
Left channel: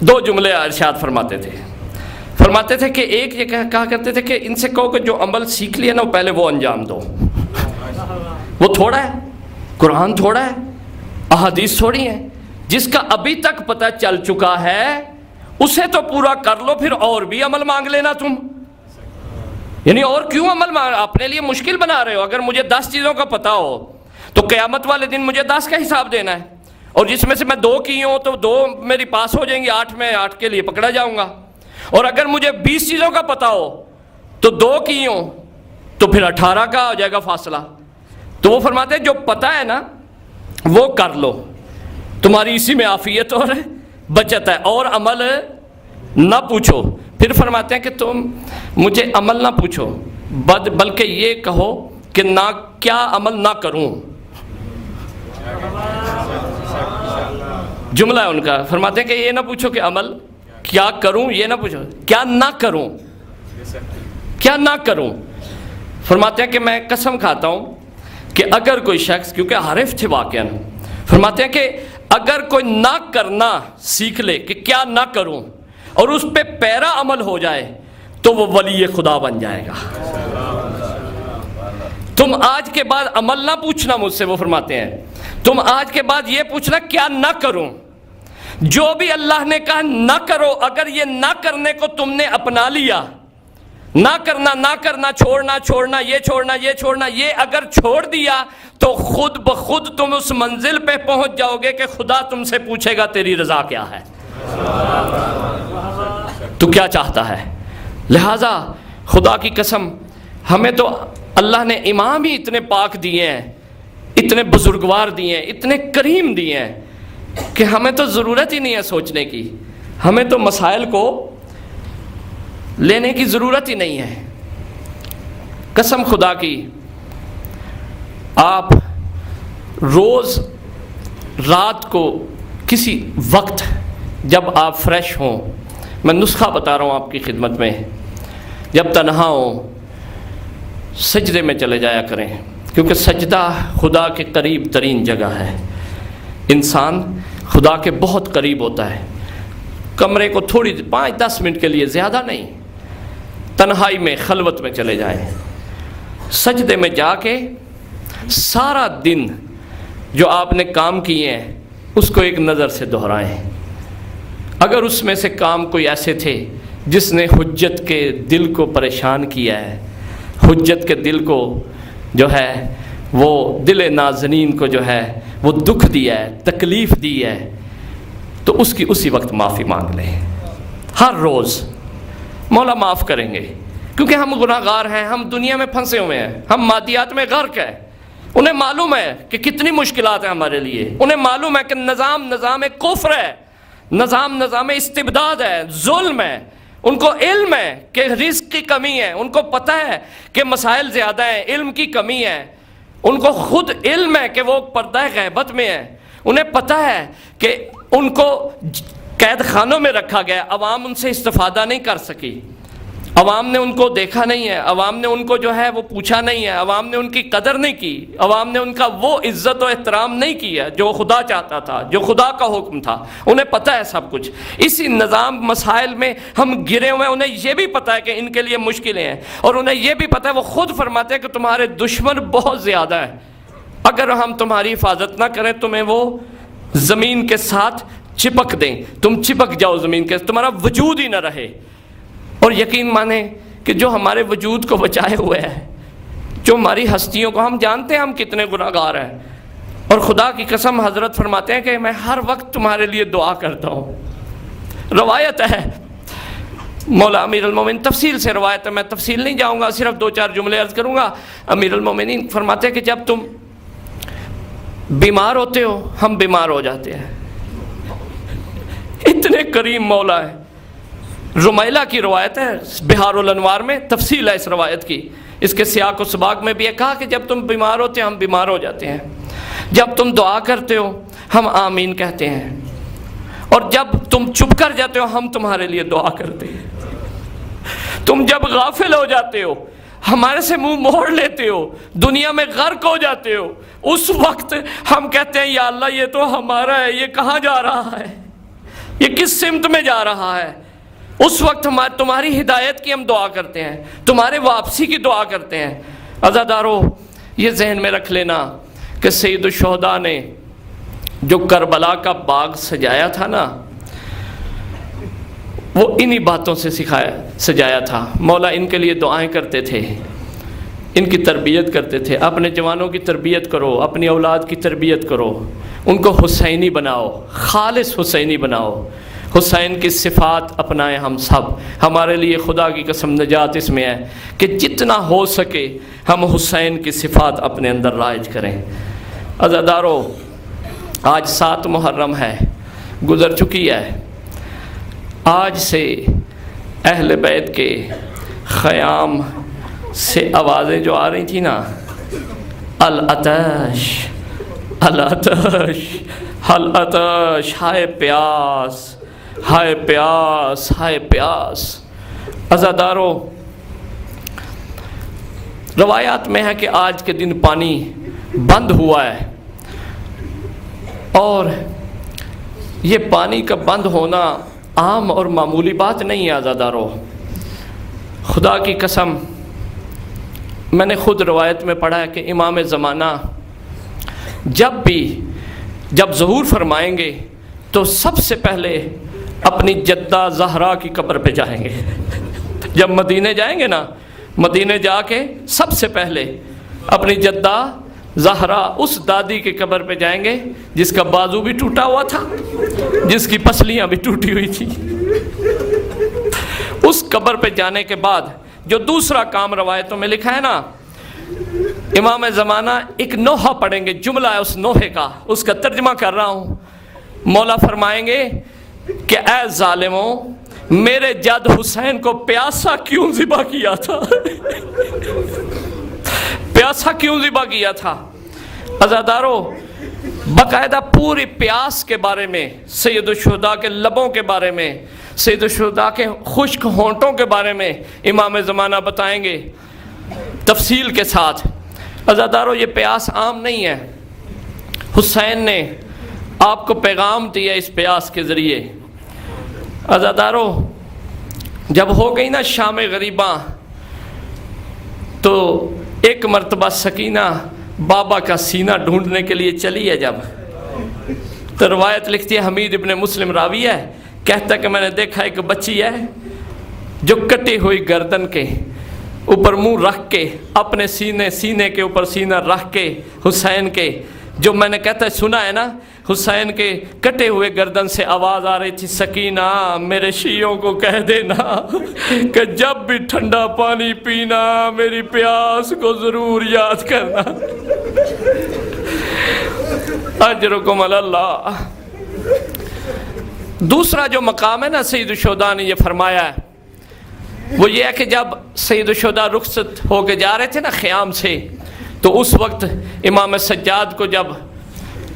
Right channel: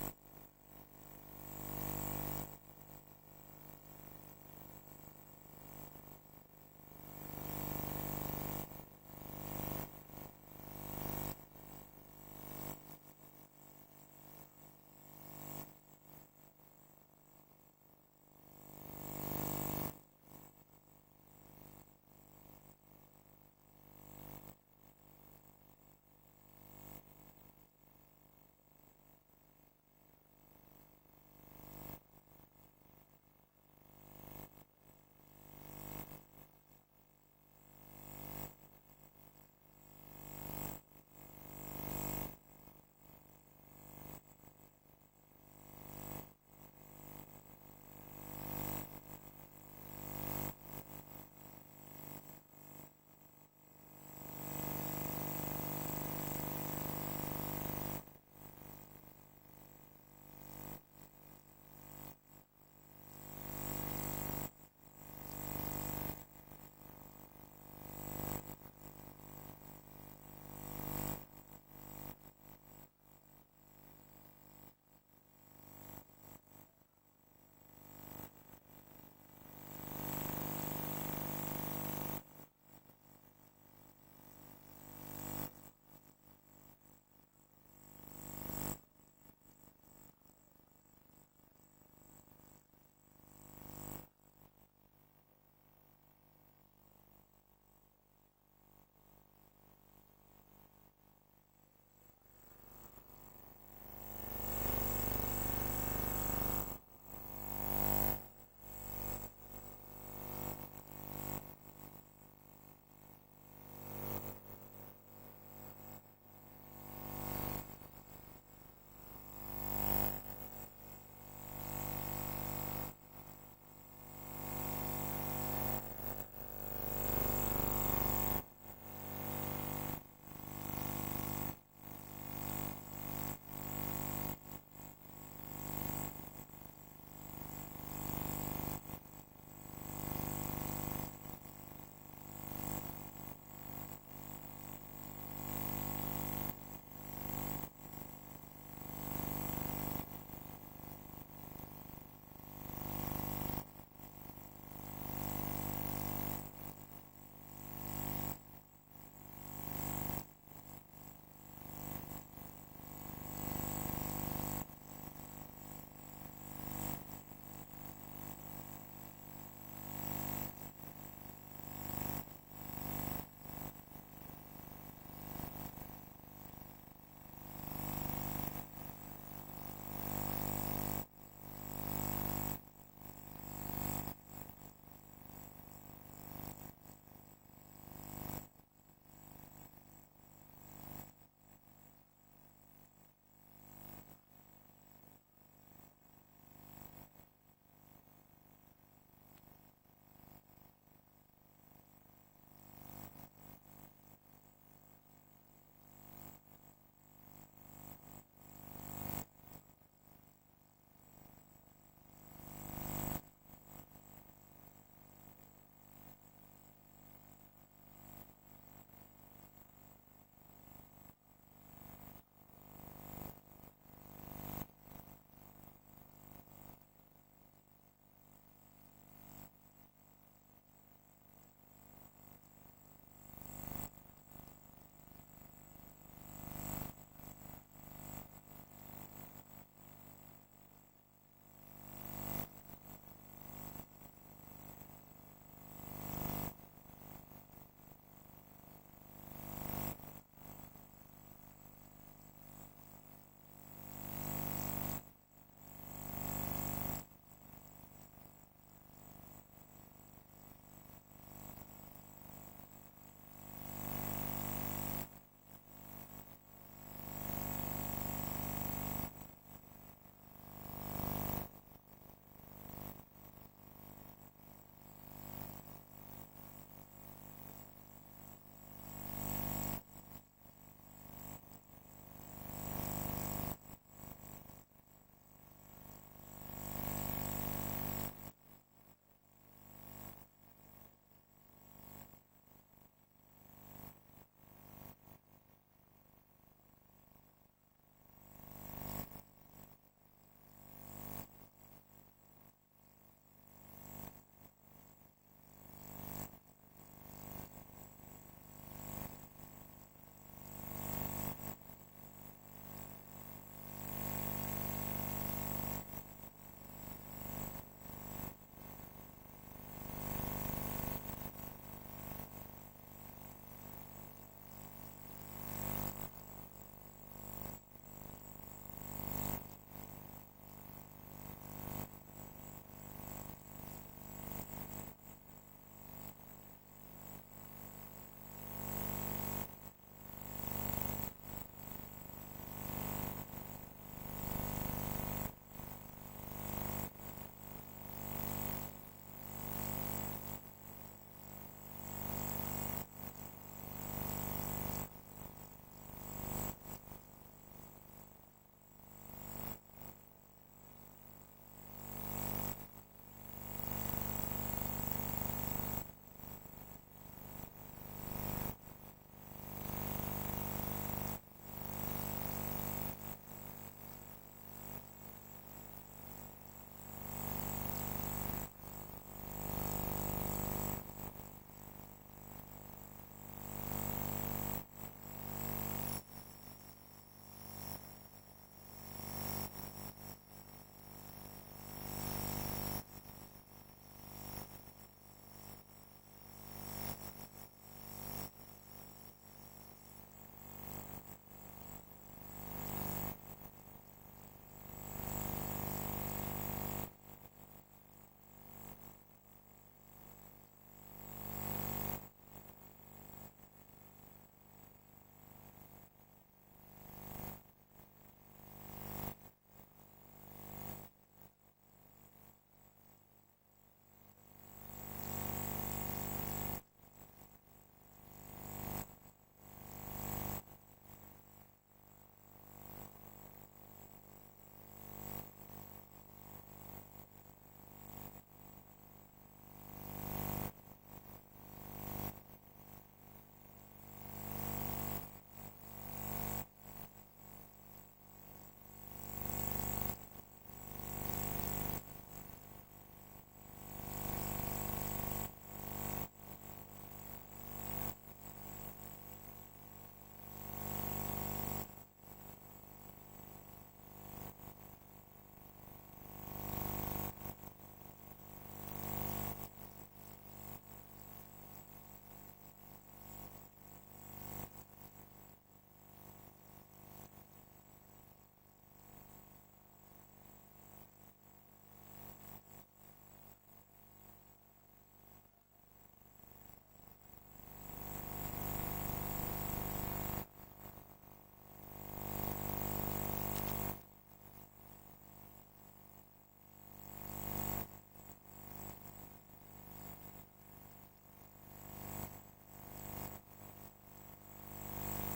دو جملے ارشاد فرماتے تھے کہ ایک یہ کہا کرتے تھے کہ ان سے کہو کہ جو عمل سیکھ لیا نا پہلے وہ انجام دو۔ وہ تھوڑا ہے، قرآن تھوڑا ہے، احادیث تھوڑی ہیں، جس کا ابھی تک پتہ چل چکا ہے اسے تو پورا کر لو، پھر اور بھی عمل مانگ لینا تم۔ یعنی اور کیوں عمل مانگ، اپنے لیے مشکل بنا رہے ہو؟ اگر مجھے 10 چیزوں کا پتہ ہو تو قیامت والے دن مجھے 10 کا حساب دینا ہے، اور جس میں سے میں 2 کی ہوں تو 2 میری پاس ہو جائیں گی، 8 میں 8 کے لیے پکڑا جاؤں گا۔ اور اگر مجھے 20 چیزوں کا پتہ ہو تو 2 کی ہوں تو پھر 18 کا ہو جائے گا فاصلہ۔ تو وہ فرماتے ہیں جو پتہ ہے نا وہ کر لو، تمہاری اسی میں عافیت اور بچت ہے، اور عمل نہ پوچھو۔ پھر فرماتے ہیں کہ تم مجھے عمل نہ پوچھو بلکہ یہ کہو کہ نہ کیا عمل نہ کروں۔ جملہ ہے ان کا، فرماتے ہیں کہ یہ نہ پوچھو کہ عمل کیا کروں، یہ نہ پوچھو کیا نہ کروں، کیا نہ کروں۔ فرماتے ہیں کہ میں قسم کھاتا ہوں کہ اگر کوئی شخص، کیونکہ عارف تھے واقعاً، فرماتے ہیں کہ اگر کوئی نہ کرنا سیکھ لے کہ کیا نہ کروں اور اس پہ پیرا عمل ہو جائے تو وہ ولی خدا بن جائے گا۔ تم آج کے بعد عمل نہ پوچھنا مجھ سے، وہ فرماتے ہیں تم آج کے بعد یہ پوچھنا کیا نہ کروں۔ جو بھی اللہ نے کہا نہ کرو، اگر یہ نہ کرنے کو تم نے اپنا لیا، نہ کرنا نہ کرنا، چھوڑنا چھوڑنا، یہ چھوڑنا یہ چھوڑنا، یہ اگر چھوڑ دیا تو خود بخود تم اس منزل پہ پہنچ جاؤ گے کہ خدا تم سے پوچھے گا تیری رضا کیا ہے، تو کیا چاہتا ہے۔ لہٰذا خدا کی قسم ہمیں تو اللہ نے امام ہی اتنے پاک دیے ہیں، اتنے بزرگوار دیے ہیں، اتنے کریم دیے ہیں کہ ہمیں تو ضرورت ہی نہیں ہے سوچنے کی، ہمیں تو مسائل کو لینے کی ضرورت ہی نہیں ہے۔ قسم خدا کی، آپ روز رات کو کسی وقت جب آپ فریش ہوں، میں نسخہ بتا رہا ہوں آپ کی خدمت میں، جب تنہا ہوں سجدے میں چلے جایا کریں، کیونکہ سجدہ خدا کے قریب ترین جگہ ہے۔ انسان خدا کے بہت قریب ہوتا ہے۔ کمرے کو تھوڑی 5-10 منٹ کے لیے، زیادہ نہیں، تنہائی میں خلوت میں چلے جائیں، سجدے میں جا کے سارا دن جو آپ نے کام کیے ہیں اس کو ایک نظر سے دہرائیں۔ اگر اس میں سے کام کوئی ایسے تھے جس نے حجت کے دل کو پریشان کیا ہے، حجت کے دل کو جو ہے وہ دل نازنین کو جو ہے وہ دکھ دیا ہے، تکلیف دی ہے، تو اس کی اسی وقت معافی مانگ لیں۔ ہر روز مولا معاف کریں گے، کیونکہ ہم گناہ گار ہیں، ہم دنیا میں پھنسے ہوئے ہیں، ہم مادیات میں غرق ہیں۔ انہیں معلوم ہے کہ کتنی مشکلات ہیں ہمارے لیے، انہیں معلوم ہے کہ نظام کفر ہے، نظام استبداد ہے، ظلم ہے، ان کو علم ہے کہ رزق کی کمی ہے، ان کو پتہ ہے کہ مسائل زیادہ ہیں، علم کی کمی ہے، ان کو خود علم ہے کہ وہ پردہ غیبت میں ہے، انہیں پتہ ہے کہ ان کو قید خانوں میں رکھا گیا، عوام ان سے استفادہ نہیں کر سکی، عوام نے ان کو دیکھا نہیں ہے، عوام نے ان کو جو ہے وہ پوچھا نہیں ہے، عوام نے ان کی قدر نہیں کی، عوام نے ان کا وہ عزت و احترام نہیں کیا جو خدا چاہتا تھا، جو خدا کا حکم تھا۔ انہیں پتہ ہے سب کچھ، اسی نظام مسائل میں ہم گرے ہوئے ہیں۔ انہیں یہ بھی پتہ ہے کہ ان کے لیے مشکلیں ہیں، اور انہیں یہ بھی پتہ ہے، وہ خود فرماتے ہیں کہ تمہارے دشمن بہت زیادہ ہیں، اگر ہم تمہاری حفاظت نہ کریں تمہیں وہ زمین کے ساتھ چپک دیں، تم چپک جاؤ زمین کے، تمہارا وجود ہی نہ رہے۔ اور یقین مانیں کہ جو ہمارے وجود کو بچائے ہوئے ہے، جو ہماری ہستیوں کو، ہم جانتے ہیں ہم کتنے گناہ گار ہیں، اور خدا کی قسم حضرت فرماتے ہیں کہ میں ہر وقت تمہارے لیے دعا کرتا ہوں۔ روایت ہے مولا امیر المومنین، تفصیل سے روایت ہے، میں تفصیل نہیں جاؤں گا، صرف 2-4 جملے عرض کروں گا۔ امیر المومنین فرماتے ہیں کہ جب تم بیمار ہوتے ہو ہم بیمار ہو جاتے ہیں، اتنے کریم مولا ہے۔ رمیلہ کی روایت ہے، بہار الانوار میں تفصیل ہے اس روایت کی، اس کے سیاق و سباق میں بھی ہے، کہا کہ جب تم بیمار ہوتے ہیں ہم بیمار ہو جاتے ہیں، جب تم دعا کرتے ہو ہم آمین کہتے ہیں، اور جب تم چپ کر جاتے ہو ہم تمہارے لیے دعا کرتے ہیں، تم جب غافل ہو جاتے ہو ہمارے سے منہ موڑ لیتے ہو، دنیا میں غرق ہو جاتے ہو، اس وقت ہم کہتے ہیں یا اللہ یہ تو ہمارا ہے، یہ کہاں جا رہا ہے، یہ کس سمت میں جا رہا ہے۔ اس وقت تمہاری ہدایت کی ہم دعا کرتے ہیں، تمہارے واپسی کی دعا کرتے ہیں۔ عزادارو یہ ذہن میں رکھ لینا کہ سید الشہداء نے جو کربلا کا باغ سجایا تھا نا، وہ انہی باتوں سے سجایا تھا۔ مولا ان کے لیے دعائیں کرتے تھے، ان کی تربیت کرتے تھے، اپنے جوانوں کی تربیت کرو، اپنی اولاد کی تربیت کرو، ان کو حسینی بناؤ، خالص حسینی بناؤ، حسین کی صفات اپنائیں ہم سب۔ ہمارے لیے خدا کی قسم نجات اس میں ہے کہ جتنا ہو سکے ہم حسین کی صفات اپنے اندر رائج کریں۔ عزادارو آج 7 محرم ہے، گزر چکی ہے، آج سے اہل بیت کے خیام سے آوازیں جو آ رہی تھیں نا، العطش العطش العطش، ہائے پیاس ہائے پیاس ہائے پیاس۔ عزادارو روایات میں ہے کہ آج کے دن پانی بند ہوا ہے، اور یہ پانی کا بند ہونا عام اور معمولی بات نہیں ہے۔ عزادارو خدا کی قسم میں نے خود روایت میں پڑھا ہے کہ امام زمانہ جب ظہور فرمائیں گے تو سب سے پہلے اپنی جدہ زہرا کی قبر پہ جائیں گے۔ جب مدینے جائیں گے نا، مدینے جا کے سب سے پہلے اپنی جدہ زہرا اس دادی کی قبر پہ جائیں گے جس کا بازو بھی ٹوٹا ہوا تھا، جس کی پسلیاں بھی ٹوٹی ہوئی تھی۔ اس قبر پہ جانے کے بعد جو دوسرا کام روایتوں میں لکھا ہے نا، امام زمانہ ایک نوحہ پڑھیں گے، جملہ ہے اس نوحے کا، اس کا ترجمہ کر رہا ہوں۔ مولا فرمائیں گے کہ اے ظالموں، میرے جد حسین کو پیاسا کیوں ذبح کیا تھا؟ پیاسا کیوں ذبح کیا تھا؟ عزادارو باقاعدہ پوری پیاس کے بارے میں، سید الشہداء کے لبوں کے بارے میں، سید الشہداء کے خشک ہونٹوں کے بارے میں امام زمانہ بتائیں گے تفصیل کے ساتھ۔ عزادارو یہ پیاس عام نہیں ہے، حسین نے آپ کو پیغام دیا اس پیاس کے ذریعے۔ عزاداروں، جب ہو گئی نا شام غریباں تو ایک مرتبہ سکینہ بابا کا سینہ ڈھونڈنے کے لیے چلی ہے جب، تو روایت لکھتی ہے، حمید ابن مسلم راوی ہے، کہتا ہے کہ میں نے دیکھا ایک بچی ہے جو کٹی ہوئی گردن کے اوپر منہ رکھ کے اپنے سینے کے اوپر سینہ رکھ کے حسین کے، جو میں نے کہتا ہے سنا ہے نا، حسین کے کٹے ہوئے گردن سے آواز آ رہی تھی، سکینہ میرے شیعوں کو کہہ دینا کہ جب بھی ٹھنڈا پانی پینا میری پیاس کو ضرور یاد کرنا۔ اجرکم علی اللہ۔ دوسرا جو مقام ہے نا سید الشہداء نے یہ فرمایا ہے، وہ یہ ہے کہ جب سید الشہداء رخصت ہو کے جا رہے تھے نا خیام سے، تو اس وقت امام سجاد کو جب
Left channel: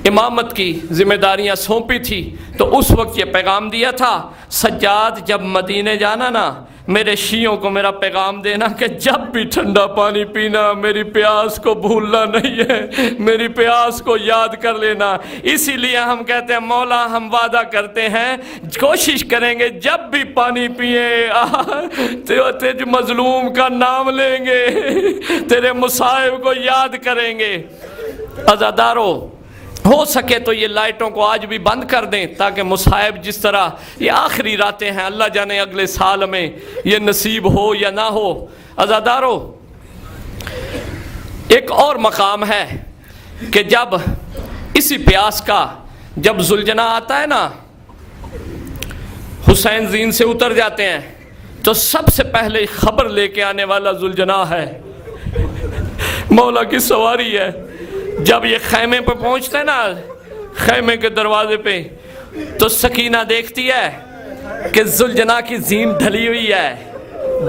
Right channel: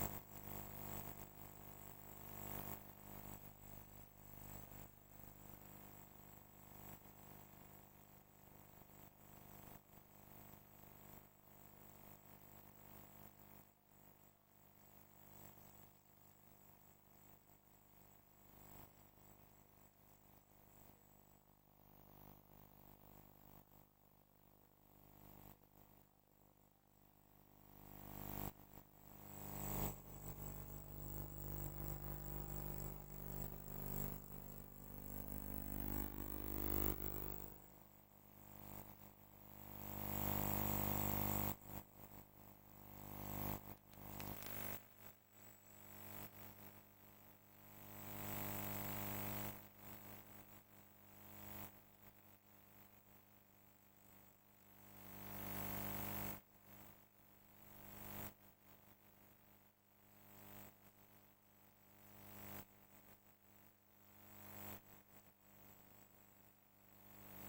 امامت کی ذمہ داریاں سونپی تھی تو اس وقت یہ پیغام دیا تھا، سجاد جب مدینے جانا نا میرے شیعوں کو میرا پیغام دینا کہ جب بھی ٹھنڈا پانی پینا میری پیاس کو بھولنا نہیں ہے، میری پیاس کو یاد کر لینا۔ اسی لیے ہم کہتے ہیں مولا ہم وعدہ کرتے ہیں کوشش کریں گے جب بھی پانی پیئیں تیرے مظلوم کا نام لیں گے، تیرے مصائب کو یاد کریں گے۔ عزادارو، ہو سکے تو یہ لائٹوں کو آج بھی بند کر دیں تاکہ مصائب جس طرح یہ آخری راتیں ہیں، اللہ جانے اگلے سال میں یہ نصیب ہو یا نہ ہو۔ عزادارو، ایک اور مقام ہے کہ جب اسی پیاس کا جب زلجنا آتا ہے نا، حسین زین سے اتر جاتے ہیں تو سب سے پہلے خبر لے کے آنے والا زلجنا ہے، مولا کی سواری ہے۔ جب یہ خیمے پہ پہنچتے ہیں نا، خیمے کے دروازے پہ، تو سکینہ دیکھتی ہے کہ زلجنا کی زین ڈھلی ہوئی ہے،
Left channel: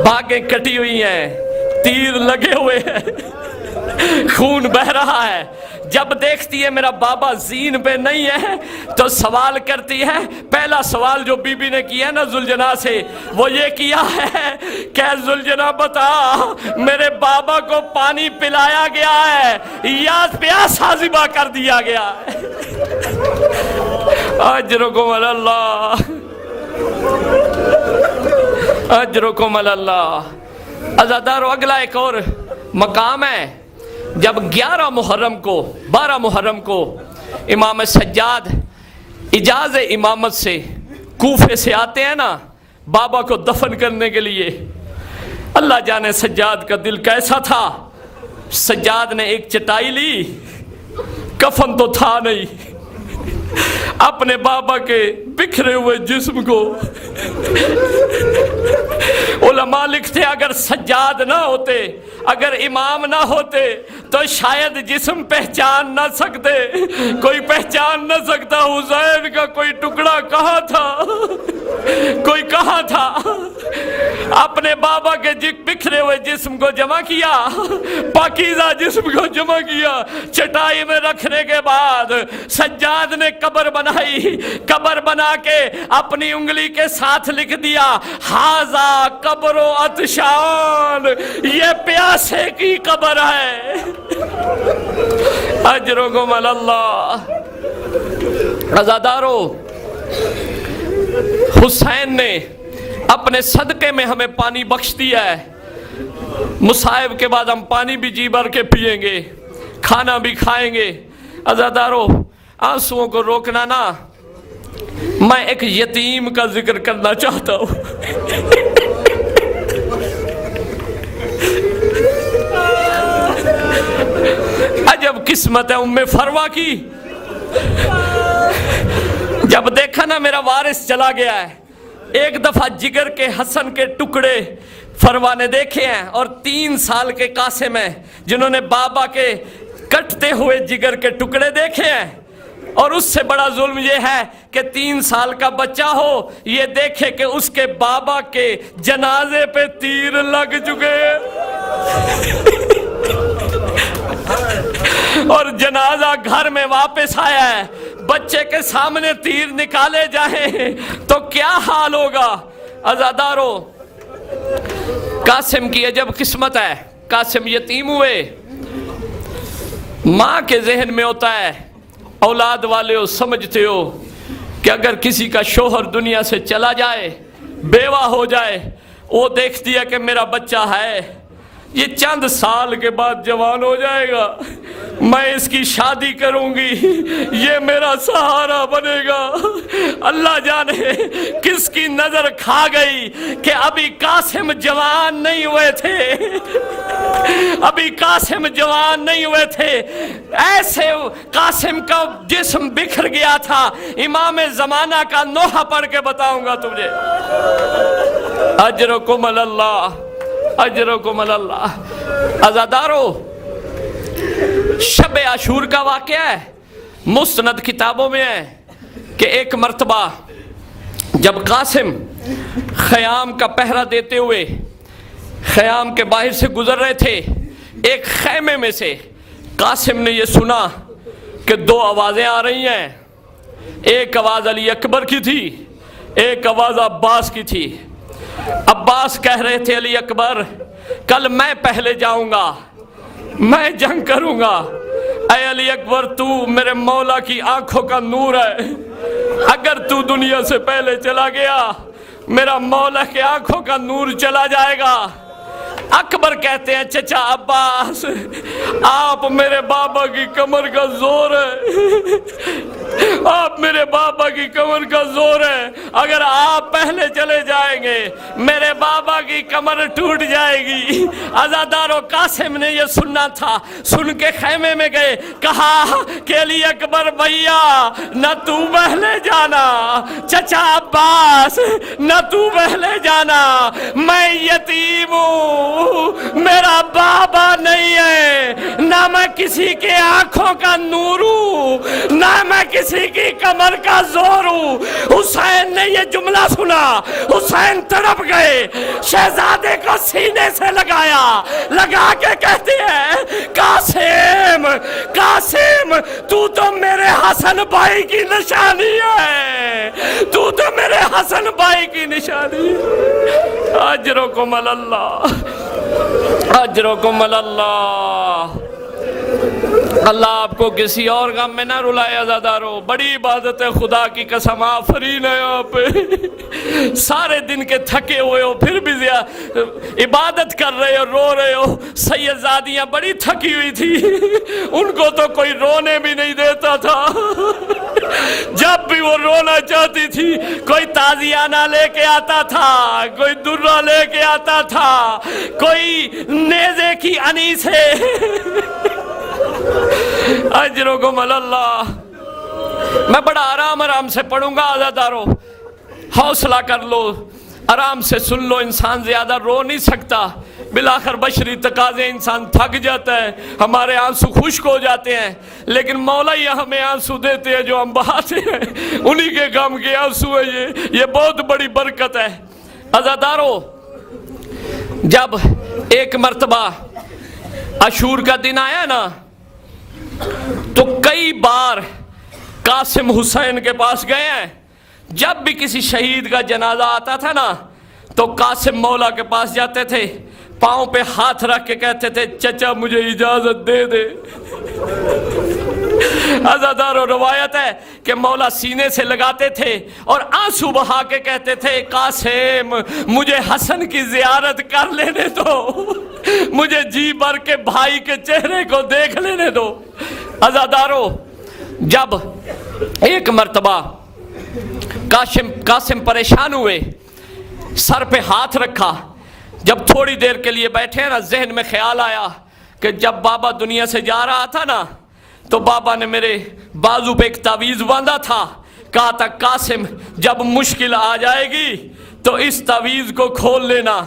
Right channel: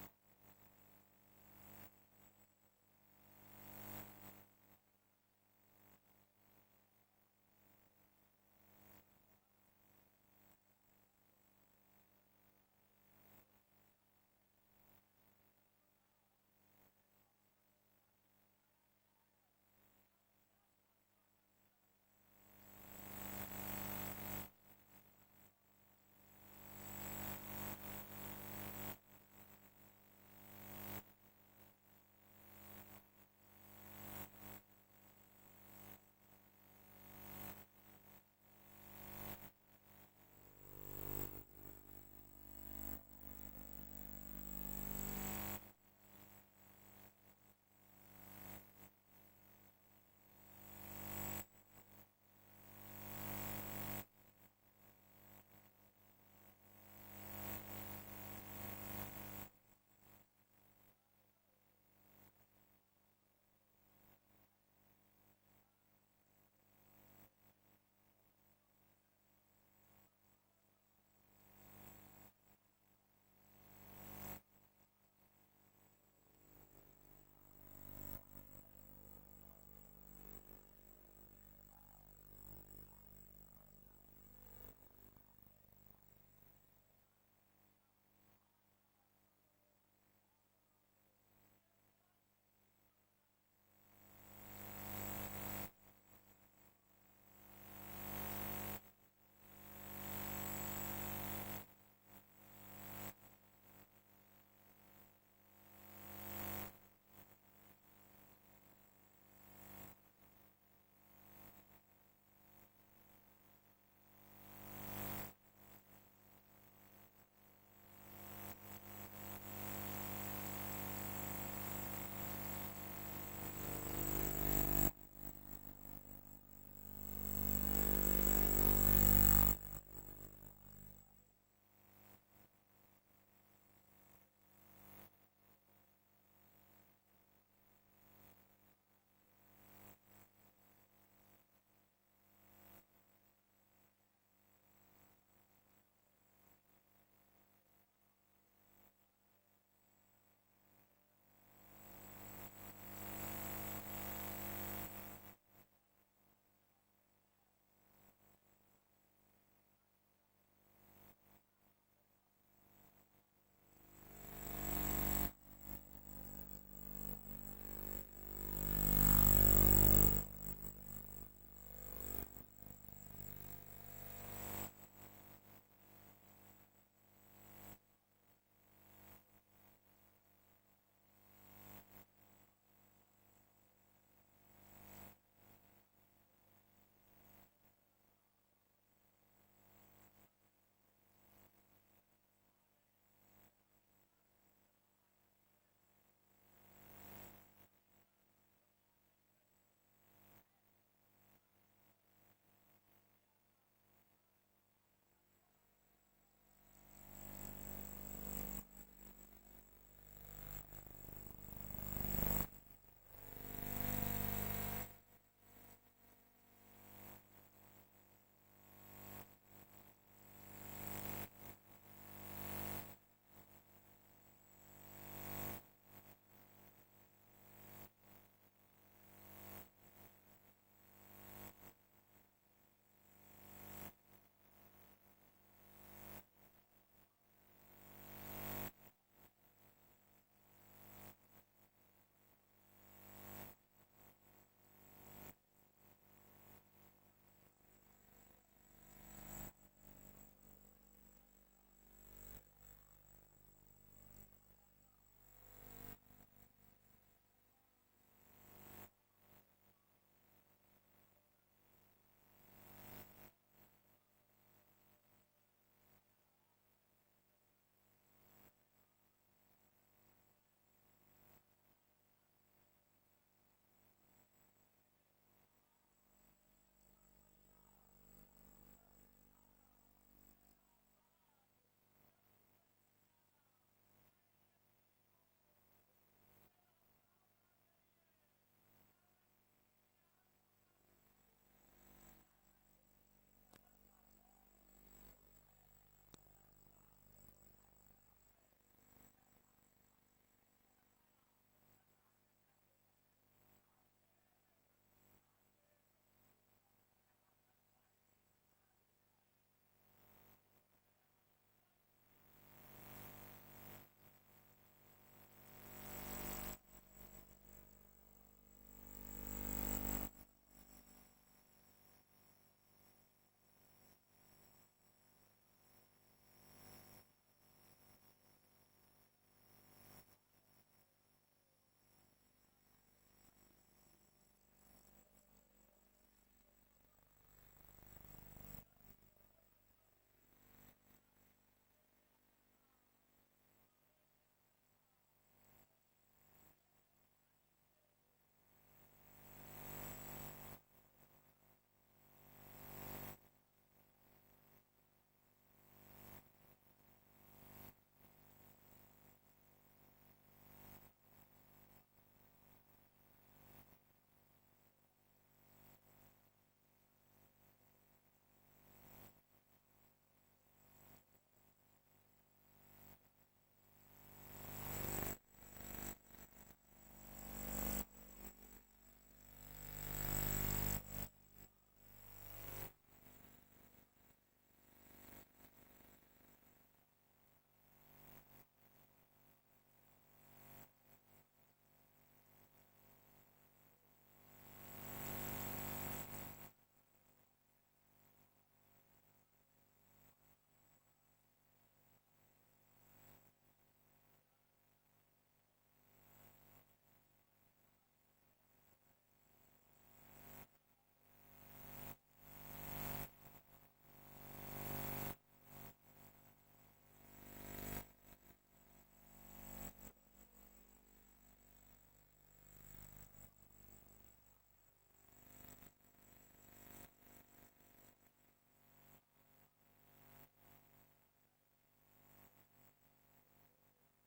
باگیں کٹی ہوئی ہیں، تیر لگے ہوئے ہیں، خون بہ رہا ہے۔ جب دیکھتی ہے میرا بابا زین پہ نہیں ہے تو سوال کرتی ہے، پہلا سوال جو بی بی نے کیا نا زلجنا سے وہ یہ کیا ہے کہ زلجنا بتا میرے بابا کو پانی پلایا گیا ہے یا پیاسا ذبح کر دیا گیا ہے؟ اجرکم علی اللہ، اجرکم علی اللہ۔ عزادارو، اگلا ایک اور مقام ہے، جب 12 محرم کو امام سجاد اجازت امامت سے کوفے سے آتے ہیں نا بابا کو دفن کرنے کے لیے، اللہ جانے سجاد کا دل کیسا تھا۔ سجاد نے ایک چٹائی لی، کفن تو تھا نہیں، اپنے بابا کے بکھرے ہوئے جسم کو، علماء لکھتے اگر سجاد نہ ہوتے، اگر امام نہ ہوتے تو شاید جسم پہچان نہ سکتے، کوئی پہچان نہ سکتا حسین کا کوئی ٹکڑا کہاں تھا، کوئی کہاں تھا۔ اپنے بابا کے بکھرے ہوئے جسم کو جمع کیا، پاکیزہ جسم کو جمع کیا، چٹائی میں رکھنے کے بعد سجاد نے قبر بنائی، قبر بنا کے اپنی انگلی کے ساتھ لکھ دیا، ہاذا قبر و عطشان، یہ پیاسے کی قبر ہے۔ اجرکم علی اللہ۔ عزادارو، حسین نے اپنے صدقے میں ہمیں پانی بخش دیا ہے، مصائب کے بعد ہم پانی بھی جی بھر کے پیئیں گے، کھانا بھی کھائیں گے۔ عزادارو، آنسوؤں کو روکنا نا، میں ایک یتیم کا ذکر کرنا چاہتا ہوں۔ عجب قسمت ہے ام فروا کی، جب دیکھا نا میرا وارث چلا گیا ہے، ایک دفعہ جگر کے حسن کے ٹکڑے فروا نے دیکھے ہیں، اور 3 سال کے قاسم ہیں جنہوں نے بابا کے کٹتے ہوئے جگر کے ٹکڑے دیکھے ہیں، اور اس سے بڑا ظلم یہ ہے کہ 3 سال کا بچہ ہو یہ دیکھے کہ اس کے بابا کے جنازے پہ تیر لگ چکے اور جنازہ گھر میں واپس آیا ہے، بچے کے سامنے تیر نکالے جائیں تو کیا حال ہوگا۔ عزادارو، قاسم کی عجب قسمت ہے، قاسم یتیم ہوئے، ماں کے ذہن میں ہوتا ہے، اولاد والے ہو سمجھتے ہو کہ اگر کسی کا شوہر دنیا سے چلا جائے، بیوہ ہو جائے، وہ دیکھتی ہے کہ میرا بچہ ہے، یہ چند سال کے بعد جوان ہو جائے گا، میں اس کی شادی کروں گی، یہ میرا سہارا بنے گا۔ اللہ جانے کس کی نظر کھا گئی کہ ابھی قاسم جوان نہیں ہوئے تھے، ابھی قاسم جوان نہیں ہوئے تھے، ایسے قاسم کا جسم بکھر گیا تھا۔ امام زمانہ کا نوحہ پڑھ کے بتاؤں گا تجھے۔ اجرکم اللہ، اجرکم اللہ۔ عزادارو، شب عاشور کا واقعہ ہے، مستند کتابوں میں ہے کہ ایک مرتبہ جب قاسم خیام کا پہرہ دیتے ہوئے خیام کے باہر سے گزر رہے تھے، ایک خیمے میں سے قاسم نے یہ سنا کہ دو آوازیں آ رہی ہیں، ایک آواز علی اکبر کی تھی، ایک آواز عباس کی تھی۔ عباس کہہ رہے تھے علی اکبر کل میں پہلے جاؤں گا، میں جنگ کروں گا۔ اے علی اکبر، تو میرے مولا کی آنکھوں کا نور ہے، اگر تو دنیا سے پہلے چلا گیا میرا مولا کے آنکھوں کا نور چلا جائے گا۔ اکبر کہتے ہیں چچا عباس، آپ میرے بابا کی کمر کا زور ہے، آپ میرے بابا کی کمر کا زور ہے، اگر آپ پہلے چلے جائیں گے میرے بابا کی کمر ٹوٹ جائے گی۔ عزادارو، قاسم نے یہ سننا تھا، سن کے خیمے میں گئے، کہا کہ علی اکبر بھیا نہ تو پہلے جانا، چچا عباس نہ تو پہلے جانا، میں یتیم ہوں، میرا بابا نہیں ہے، نہ میں کسی کے آنکھوں کا نور ہوں، نہ میں کسی کی کمر کا زور ہوں۔ حسین نے یہ جملہ سنا، حسین تڑپ گئے، شہزادے کو سینے سے لگایا، لگا کے کہتے ہیں قاسم، قاسم تو میرے حسن بھائی کی نشانی ہے، تو میرے حسن بھائی کی نشانی ہے۔ اجرکم اللہ، اجرکم اللہ۔ اللہ آپ کو کسی اور غم میں نہ رلائے۔ عزادارو، بڑی عبادت ہے، خدا کی قسم آفرین ہے آپ پہ، سارے دن کے تھکے ہوئے ہو پھر بھی عبادت کر رہے ہو، رو رہے ہو۔ سیدزادیاں بڑی تھکی ہوئی تھی، ان کو تو کوئی رونے بھی نہیں دیتا تھا، جب بھی وہ رونا چاہتی تھی کوئی تازیانہ لے کے آتا تھا، کوئی درہ لے کے آتا تھا، کوئی نیزے کی انیسے۔ اجرکم اللہ۔ میں بڑا آرام سے پڑھوں گا عزادارو، حوصلہ کر لو، آرام سے سن لو، انسان زیادہ رو نہیں سکتا، بالآخر بشری تقاضے، انسان تھک جاتا ہے، ہمارے آنسو خشک ہو جاتے ہیں، لیکن مولا ہی ہمیں آنسو دیتے ہیں جو ہم بہاتے ہیں، انہی کے غم کے آنسو ہے، یہ بہت بڑی برکت ہے۔ عزادارو، جب ایک مرتبہ عاشور کا دن آیا نا، تو کئی بار قاسم حسین کے پاس گئے ہیں، جب بھی کسی شہید کا جنازہ آتا تھا نا تو قاسم مولا کے پاس جاتے تھے، پاؤں پہ ہاتھ رکھ کے کہتے تھے چچا مجھے اجازت دے دے۔ عزادارو، روایت ہے کہ مولا سینے سے لگاتے تھے اور آنسو بہا کے کہتے تھے قاسم مجھے حسن کی زیارت کر لینے دو، مجھے جی بھر کے بھائی کے چہرے کو دیکھ لینے دو۔ عزادارو، جب ایک مرتبہ قاسم پریشان ہوئے، سر پہ ہاتھ رکھا، جب تھوڑی دیر کے لیے بیٹھے نا، ذہن میں خیال آیا کہ جب بابا دنیا سے جا رہا تھا نا تو بابا نے میرے بازو پہ ایک تعویذ باندھا تھا، کہا تھا قاسم جب مشکل آ جائے گی تو اس تعویذ کو کھول لینا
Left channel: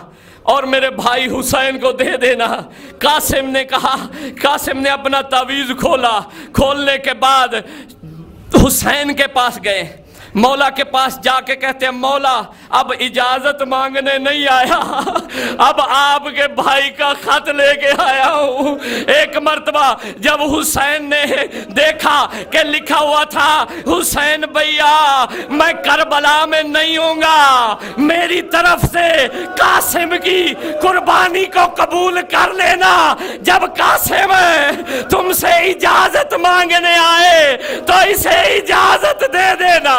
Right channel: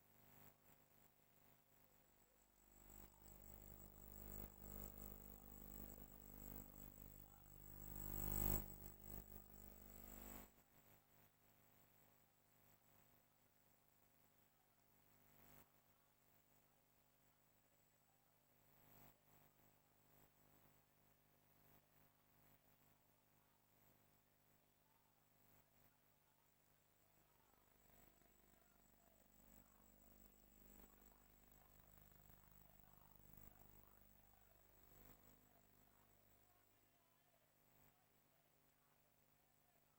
اور میرے بھائی حسین کو دے دینا۔ قاسم نے کہا، قاسم نے اپنا تعویذ کھولا، کھولنے کے بعد حسین کے پاس گئے، مولا کے پاس جا کے کہتے ہیں مولا اب اجازت مانگنے نہیں آیا، اب آپ کے بھائی کا خط لے کے آیا ہوں۔ ایک مرتبہ جب حسین نے دیکھا کہ لکھا ہوا تھا حسین بھیا میں کربلا میں نہیں ہوں گا، میری طرف سے قاسم کی قربانی کو قبول کر لینا، جب قاسم تم سے اجازت مانگنے آئے تو اسے اجازت دے دینا۔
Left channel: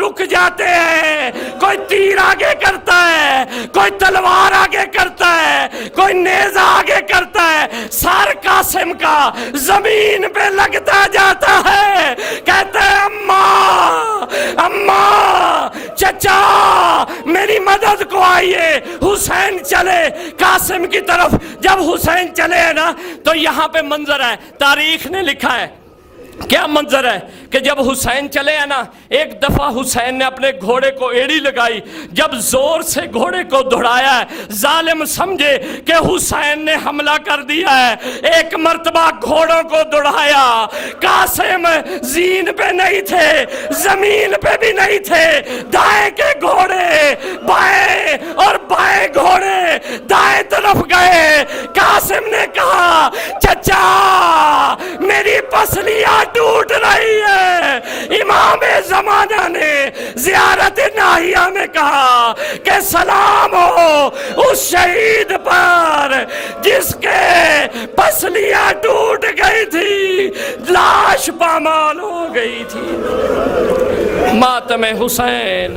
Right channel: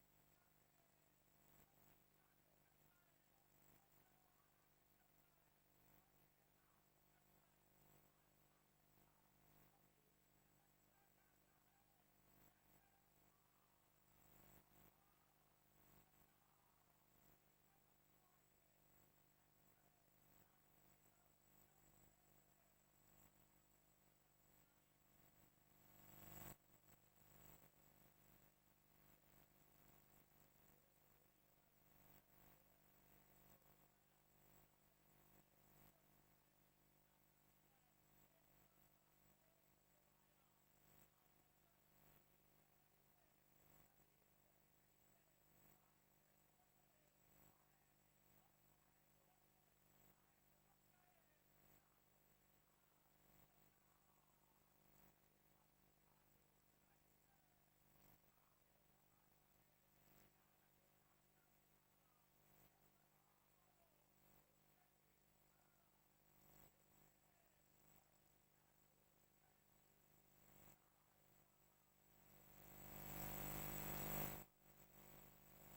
رک جاتے ہیں. کوئی تیر آگے کرتا ہے, کوئی تلوار آگے کرتا ہے, کوئی نیزہ آگے کرتا ہے. سر قاسم کا زمین پہ لگتا جاتا ہے. کہتے ہیں اماں اماں چچا میری مدد کو آئیے. حسین چلے قاسم کی طرف. جب حسین چلے ہیں نا تو یہاں پہ منظر ہے, تاریخ نے لکھا ہے. کیا منظر ہے کہ جب حسین چلے ہیں نا, ایک دفعہ حسین نے اپنے گھوڑے کو ایڑی لگائی. جب زور سے گھوڑے کو دوڑایا ہے, ظالم سمجھے کہ حسین نے حملہ کر دیا ہے. ایک مرتبہ گھوڑوں کو دوڑایا. قاسم زین پہ نہیں تھے, زمین پہ بھی نہیں تھے. دائیں کے گھوڑے بائیں اور بائیں گھوڑے دائیں طرف گئے. قاسم نے کہا چچا میری پسلیاں ٹوٹ رہی ہے. امام زمانہ نے زیارت ناہیہ میں کہا کہ سلام ہو اس شہید پر جس کے پسلیاں ٹوٹ گئی تھی, لاش پامال ہو گئی تھی. ماتم حسین.